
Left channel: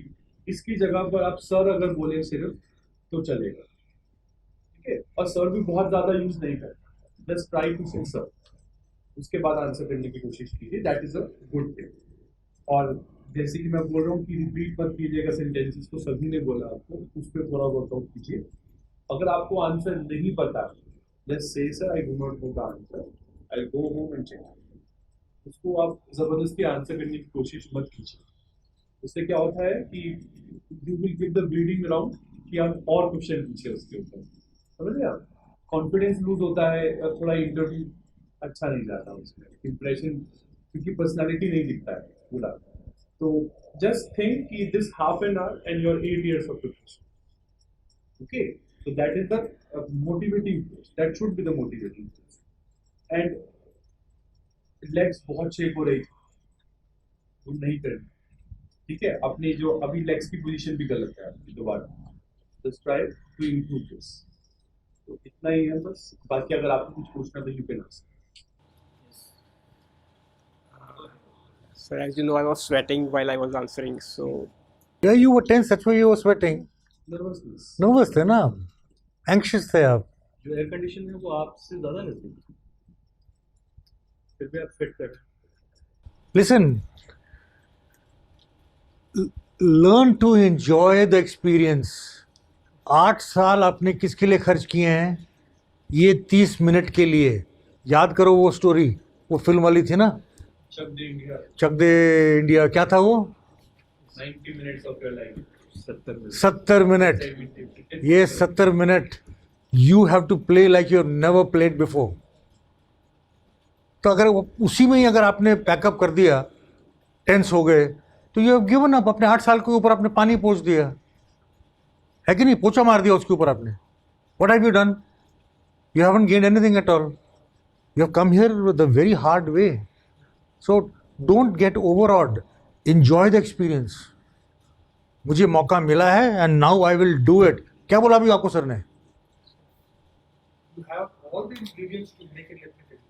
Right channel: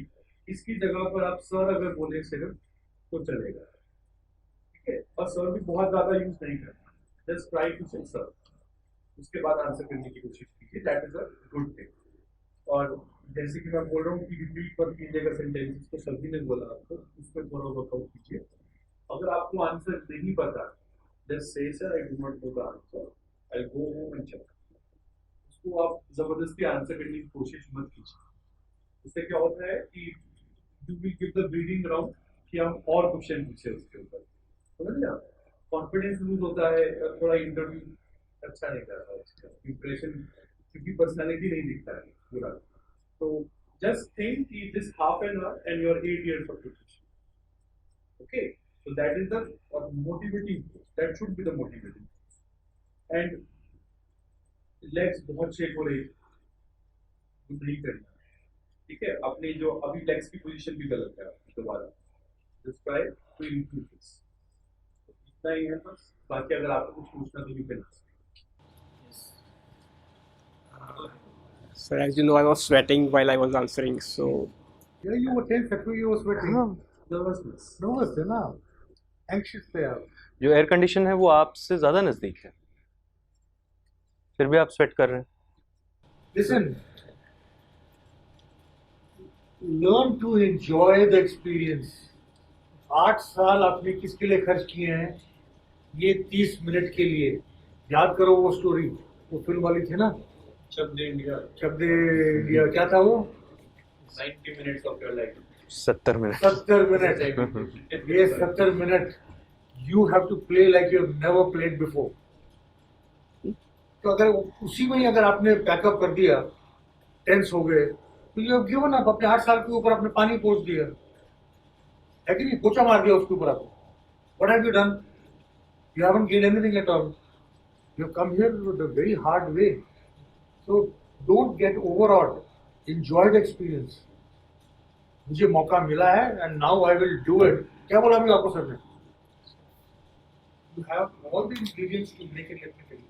इसकी जगह पर आप सर अगर बोले सिर्फ तो चलेगा. ठीक है? और सर भी बहुत ज्यादा यूज नहीं करना. जस्ट ट्राई टू से सर, उसके बाद आंसर करने की कोशिश कीजिए. That is a good thing. और जैसे कि मैं बोल रहा हूँ कि रिपीट मत कीजिएगा सेंटेंसेस को, सभी ने बोला आपको, उस पर थोड़ा वर्कआउट कीजिए. अगर आपको आंसर नहीं पता, just say sir I do not know the answer, I go home and check. उसको आप जबरदस्ती आंसर करने की कोशिश मत कीजिए. उससे क्या होता है कि you will give the breeding round कि आप और क्वेश्चन पूछे उसके ऊपर. समझ लिया? कॉन्फिडेंस लूज होता है, थोड़ा इंटरव्यू अच्छा नहीं जाता, उसका इंप्रेशन, क्योंकि पर्सनालिटी नहीं दिखता है पूरा. तो जस्ट थिंक कि this half an hour and your 8 years of preparation. Okay, so that is the motivating force. That should be the motivating force. And legs बहुत शेक हो रही, वो नहीं करना. ठीक है? अपने जो अभी लेग्स की पोजीशन भी गलत है आपकी, दोबारा just try to improve this. तो इतना ही है बस. बाकी अगर आपको कुछ पूछना तो you can ask. Sir, as you know, I was sweating while I was answering, so Yeah, you were tense, that's why you were sweating. Nervousness. Nervous थे ना, anxious थे आप. जो एयर कंडीशन है वो आपसे ज़्यादा नज़दीक है, फिर भी आप स्वेट कर रहे हैं. Listen, learn to enjoy the experience. 8 साल आपने किसके लिए खर्च किए हैं? ये 30 मिनट के लिए. याद करो वो स्टोरी, वो फिल्म वाली थी ना, चक दे इंडिया, चक दे इंडिया. क्या था वो? 90 minutes of your life. 70 minute. 70 minute. ये 70 minute you have to play like you have never played before. तो अगर उसी में ही अगर आपने पैकअप कर दिया, टेंस हो गए, तो यू हैव गिवन अप. अपने 8 साल के ऊपर आपने पानी पोंछ दिया है कि नहीं? पोछा मार दिया उसके ऊपर आपने. What have you done? You haven't gained anything at all. You have come here with a very hard way. So don't get overawed. Enjoy the experience. मुझे मौका मिला है and now I will do it. क्या बोला अभी आपको sir ने? You have all the ingredients to make it, let me tell you.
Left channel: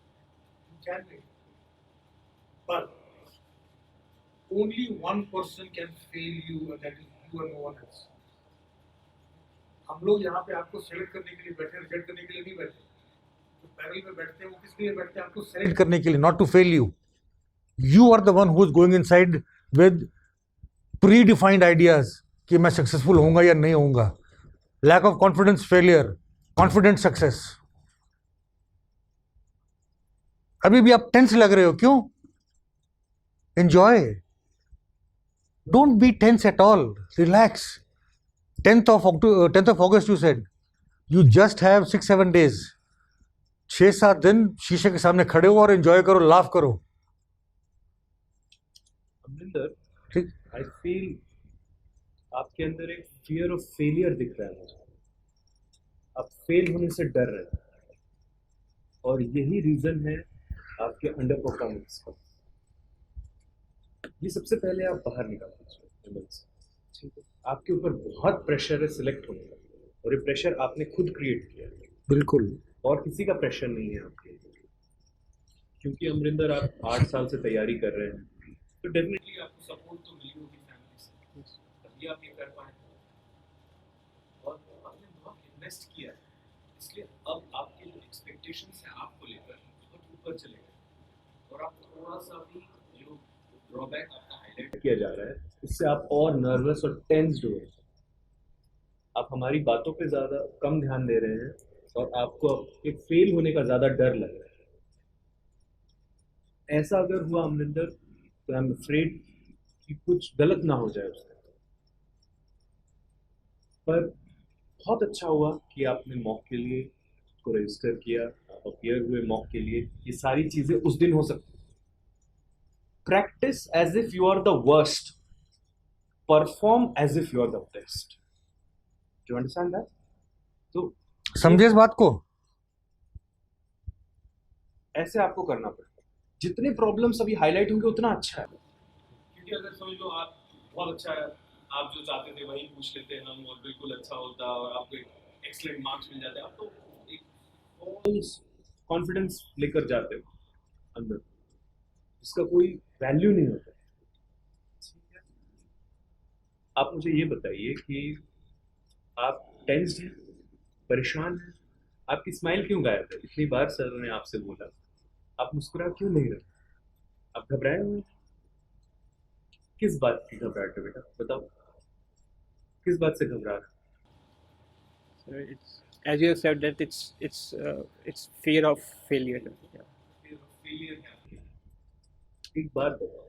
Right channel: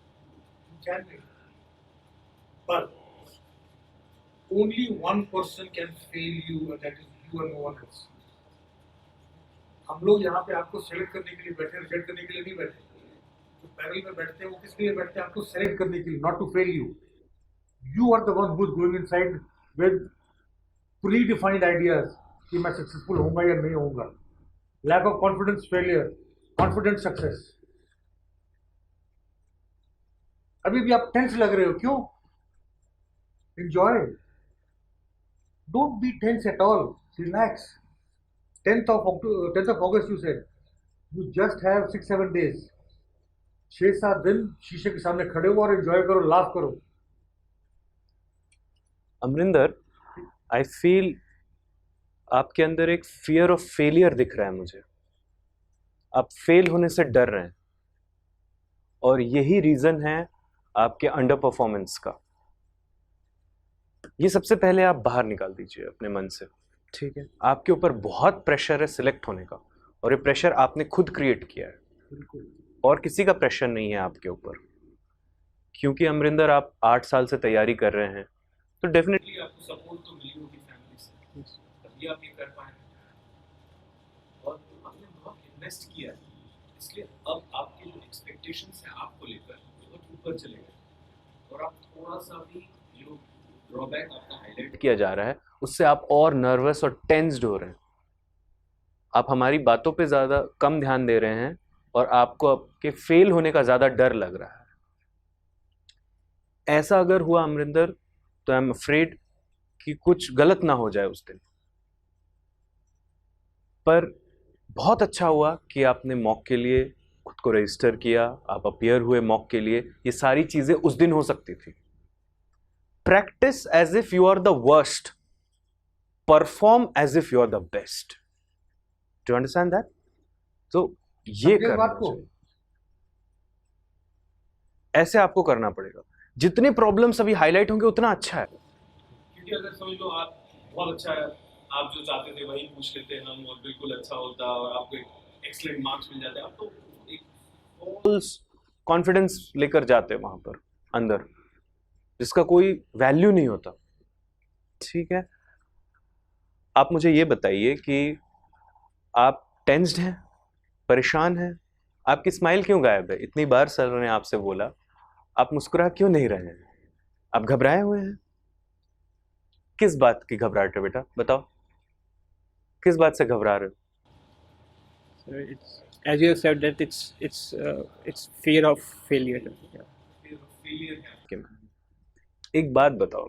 You can make it. But only one person can fail you, and that is you and no one else. हम लोग यहाँ पे आपको select करने के लिए बैठे, reject करने के लिए नहीं बैठे. जो पैनल में बैठते हैं वो किसके लिए बैठते हैं? आपको सेलेक्ट करने के लिए, not to fail you. You are the one who is going inside with predefined ideas कि मैं सक्सेसफुल होऊंगा या नहीं होऊंगा. Lack of confidence, failure. Confident, success. अभी भी आप टेंस लग रहे हो, क्यों? Enjoy. Don't be tense at all. Relax. 10th of August you said. You just have 6-7 days. 6-7 दिन शीशे के सामने खड़े हो और एंजॉय करो, लाफ करो. अमरिंदर, ठीक. आई फील आपके अंदर एक फियर ऑफ फेलियर दिख रहा है मुझे. आप फेल होने से डर रहे हैं और यही रीज़न है आपके अंडर परफॉर्मेंस का. ये सबसे पहले आप बाहर निकाल दीजिए अपने मन से. ठीक है, आपके ऊपर बहुत प्रेशर है सिलेक्ट होने का, और ये प्रेशर आपने खुद क्रिएट किया है, बिल्कुल। और किसी का प्रेशर नहीं है आपके ऊपर। क्योंकि अमरिंदर आप 8 साल से तैयारी कर रहे हैं, तो डेफिनेटली Definitely आपको सपोर्ट तो मिली होगी फैमिली से, तभी आप ये कर पाए। और आपने बहुत इन्वेस्ट किया है, इसलिए अब आपके जो एक्सपेक्टेशंस हैं आपको लेकर बहुत ऊपर चले गए, और आप थोड़ा सा भी जो ड्रॉबैक आपका हाईलाइट किया जा रहा है उससे आप और नर्वस और टेंस्ड हो रहे हैं। आप हमारी बातों पे ज़्यादा कम ध्यान दे रहे हैं, और आपको आपके फेल होने का ज़्यादा डर लग रहा है। ऐसा अगर हुआ अमरिंदर, तो आई एम अफ्रेड कि कुछ गलत ना हो जाए उस दिन। पर बहुत अच्छा हुआ कि आपने मॉक के लिए खुद को रजिस्टर किया, आप अपीयर हुए मॉक के लिए। ये सारी चीजें उस दिन हो सकती थी। Practice as if you are the worst, perform as if you are the best. Do understand that? तो समझे इस बात को? ऐसे आपको करना पड़ेगा। जितनी प्रॉब्लम्स अभी हाईलाइट होंगे उतना अच्छा है। क्योंकि अगर समझ लो आप बहुत अच्छा है, आप जो चाहते थे वही पूछ लेते हम, और बिल्कुल अच्छा होता और आपको एक्सीलेंट मार्क्स मिल जाते, आप तो एक फॉल्स कॉन्फिडेंस लेकर जाते हैं वहां पर अंदर, जिसका कोई वैल्यू नहीं होता। ठीक है, आप मुझे ये बताइए कि आप टेंस्ड हैं, परेशान हैं, आपकी स्माइल क्यों गायब है? इतनी बार सर ने आपसे बोला, आप मुस्कुरा क्यों नहीं रहे हैं? आप घबराए हुए हैं? किस बात की घबराहट है बेटा, बताओ, किस बात से घबरा रहे हो? So it's, as you have said, that it's fear of failure. Yeah. Failure है। कि मैं एक बात बताओ,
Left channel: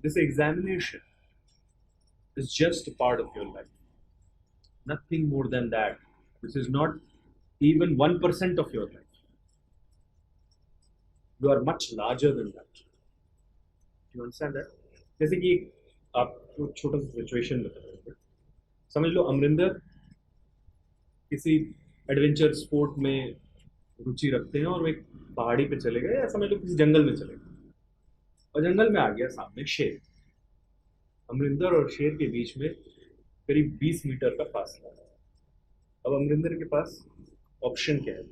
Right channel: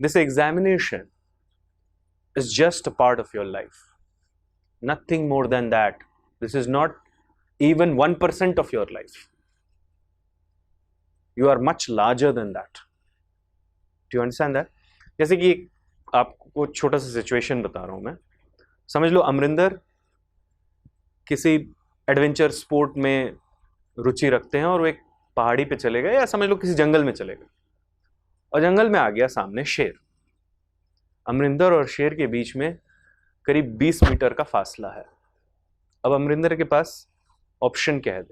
this examination is just a part of your life, nothing more than that. This is not even 1% of your life. You are much larger than that. Do you understand that? जैसे कि आपको छोटा सा सिचुएशन बता रहा हूं मैं। समझ लो अमरिंदर किसी एडवेंचर स्पोर्ट में रुचि रखते हैं, और वो एक पहाड़ी पे चले गए, या समझ लो किसी जंगल में चले गए, और जंगल में आ गया सामने शेर। अमरिंदर और शेर के बीच में करीब 20 मीटर का फासला है। अब अमरिंदर के पास ऑप्शन क्या है?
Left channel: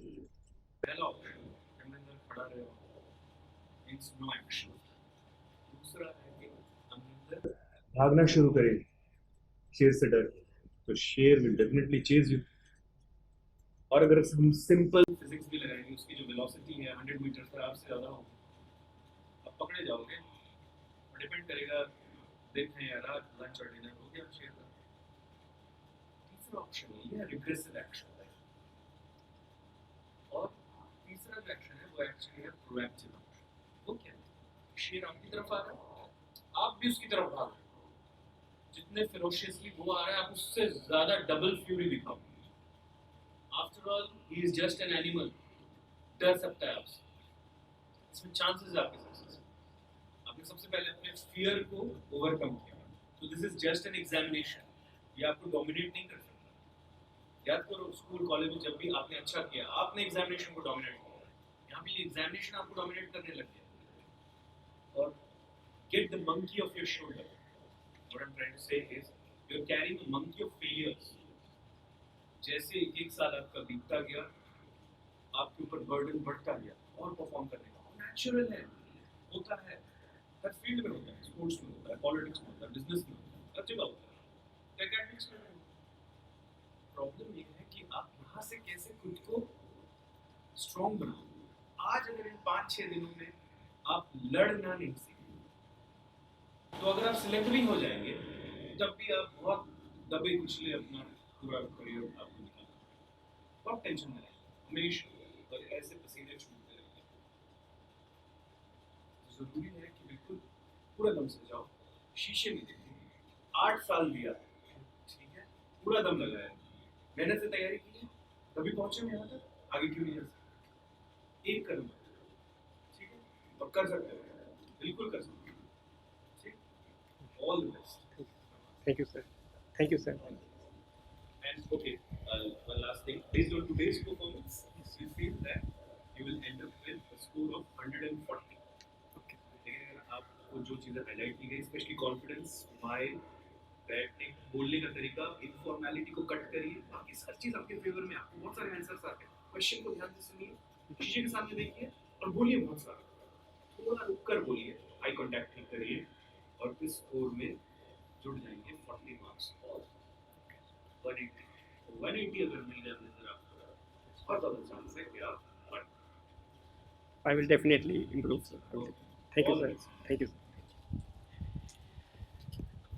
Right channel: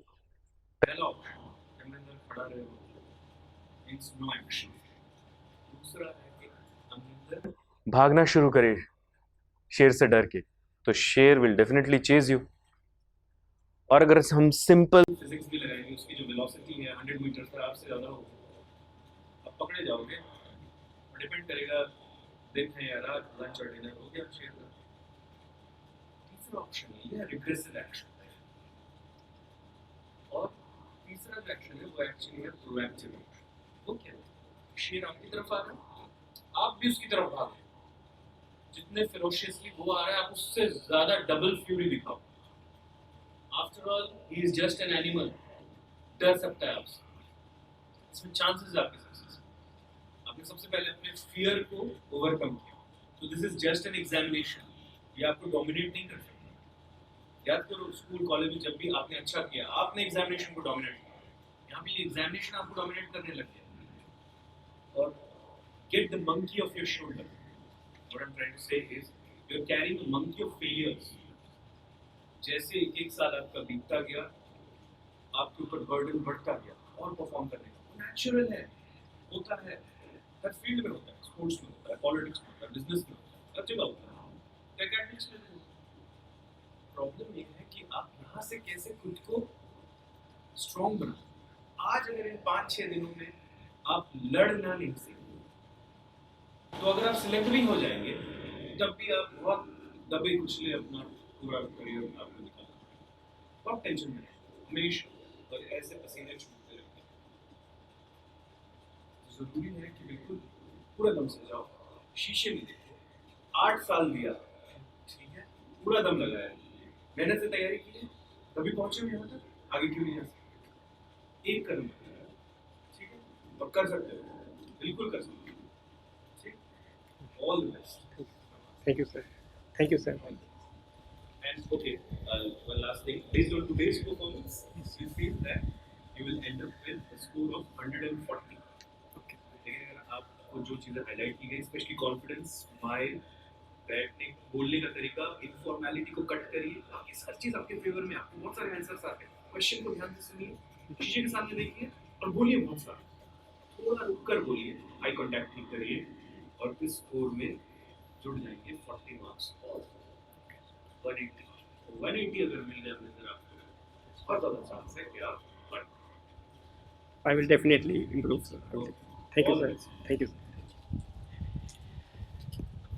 पहला ऑप्शन अमरिंदर खड़ा रहे, मींस नो एक्शन। दूसरा है कि अमरिंदर भागना शुरू करे शेर से डर के, तो शेर विल डेफिनेटली चेज यू। और अगर हम सिंपल फिजिक्स भी लगाएंगे, उसकी जो वेलोसिटी है 100 मीटर पर आपसे ज़्यादा होगी, आप पकड़े जाओगे। डिपेंड करेगा दिन है या रात, लंच और डिनर हो गया शेर का। तीसरा ऑप्शन ये है रिग्रेसिव एक्शन, और तीसरा जो एक्शन है वो एक्चुअली है प्रोएक्टिव एक्शन। वो क्या है? शेर आपकी तरफ आ रहा है, आप भी उसकी तरफ भाग रहे हैं। जितने फेरोशियसली वो आ रहा है, आप उससे ज़्यादा डबल फ्यूरी दिखाओ। After all he is just an animal, डर सकता है आपसे। इसमें चांसेस है आपके सक्सेस। आपने सबसे पहले अपने फियर को ओवरकम किया, तो this is just an examination. ये आपको डोमिनेट नहीं कर सकता। याद करो स्कूल कॉलेज में जब भी आपने अच्छा किया, आपने एग्जामिनेशन को डोमिनेट किया। यहाँ भी एग्जामिनेशन आपको डोमिनेट करने लग गया। और get the monkey off your shoulder. What I am trying to say is you are carrying a monkey of failures. जैसे एक साल आपका बीतता गया, आपके ऊपर बर्डन बढ़ता गया और परफॉर्म करने का। नेचुरल है, होता है, हर फील्ड में होता है। स्पोर्ट्स में होता है, पॉलिटिक्स में होता है, बिजनेस में होता है, हर जगह होता है, एकेडमिक्स में। प्रॉब्लम ये है कि आप यहाँ से कैसे खुद को स्ट्रॉन्ग बनाओ। आज अगर इन 5-6 दिनों में आप लड़ना नहीं सीखेंगे, तो अगर आप सिलेक्ट भी हो जाएंगे, तब भी आप बहुत दबे कुचले अपना पूरा करियर आपको निकालना। बहुत टेंशन में हमेशा, और ऐसे पसीने छूटते रहते हैं। जरूरी है कि बिल्कुल पूरा दम से जाओ, शीशे में देखो। 8 साल दिया, ठीक है, पूरा दम लगाया, मेहनत से तैयारी की है, तभी पहुंचे हो यहाँ तक। आगे क्यों नहीं जा सकते? एक कदम, ठीक है, और कर सकते हो, बिल्कुल कर सकते हो। ठीक, all the best. Thank you, sir. Thank you, sir. And okay, one last thing. Based on today's performance, you feel that you will end up with a score of 140. लेकिन अगर आपको जो चीज़ें हाईलाइट की गई, स्पेशली कॉन्फिडेंस, स्माइल प्रयत्न बोलने का तरीका, इनफॉर्मेलिटी को कट करिए, बाकी हर चीज आपके फेवर में, आपको बहुत सारे आंसर्स आते हैं। क्वेश्चन को ध्यान से सुनिए, शीशे के सामने देखिए और बोलिए बहुत सारा, थोड़ा रुक कर बोलिए, आई कांटेक्ट नहीं करिए, और इस स्कोर में जुड़ जाएंगे 40 मार्क्स और 180 अगर मिल जाए नजर आपको, बहुत ज़्यादा चांस है कि आप I will definitely improve, sir. Thank you, sir. Thank you.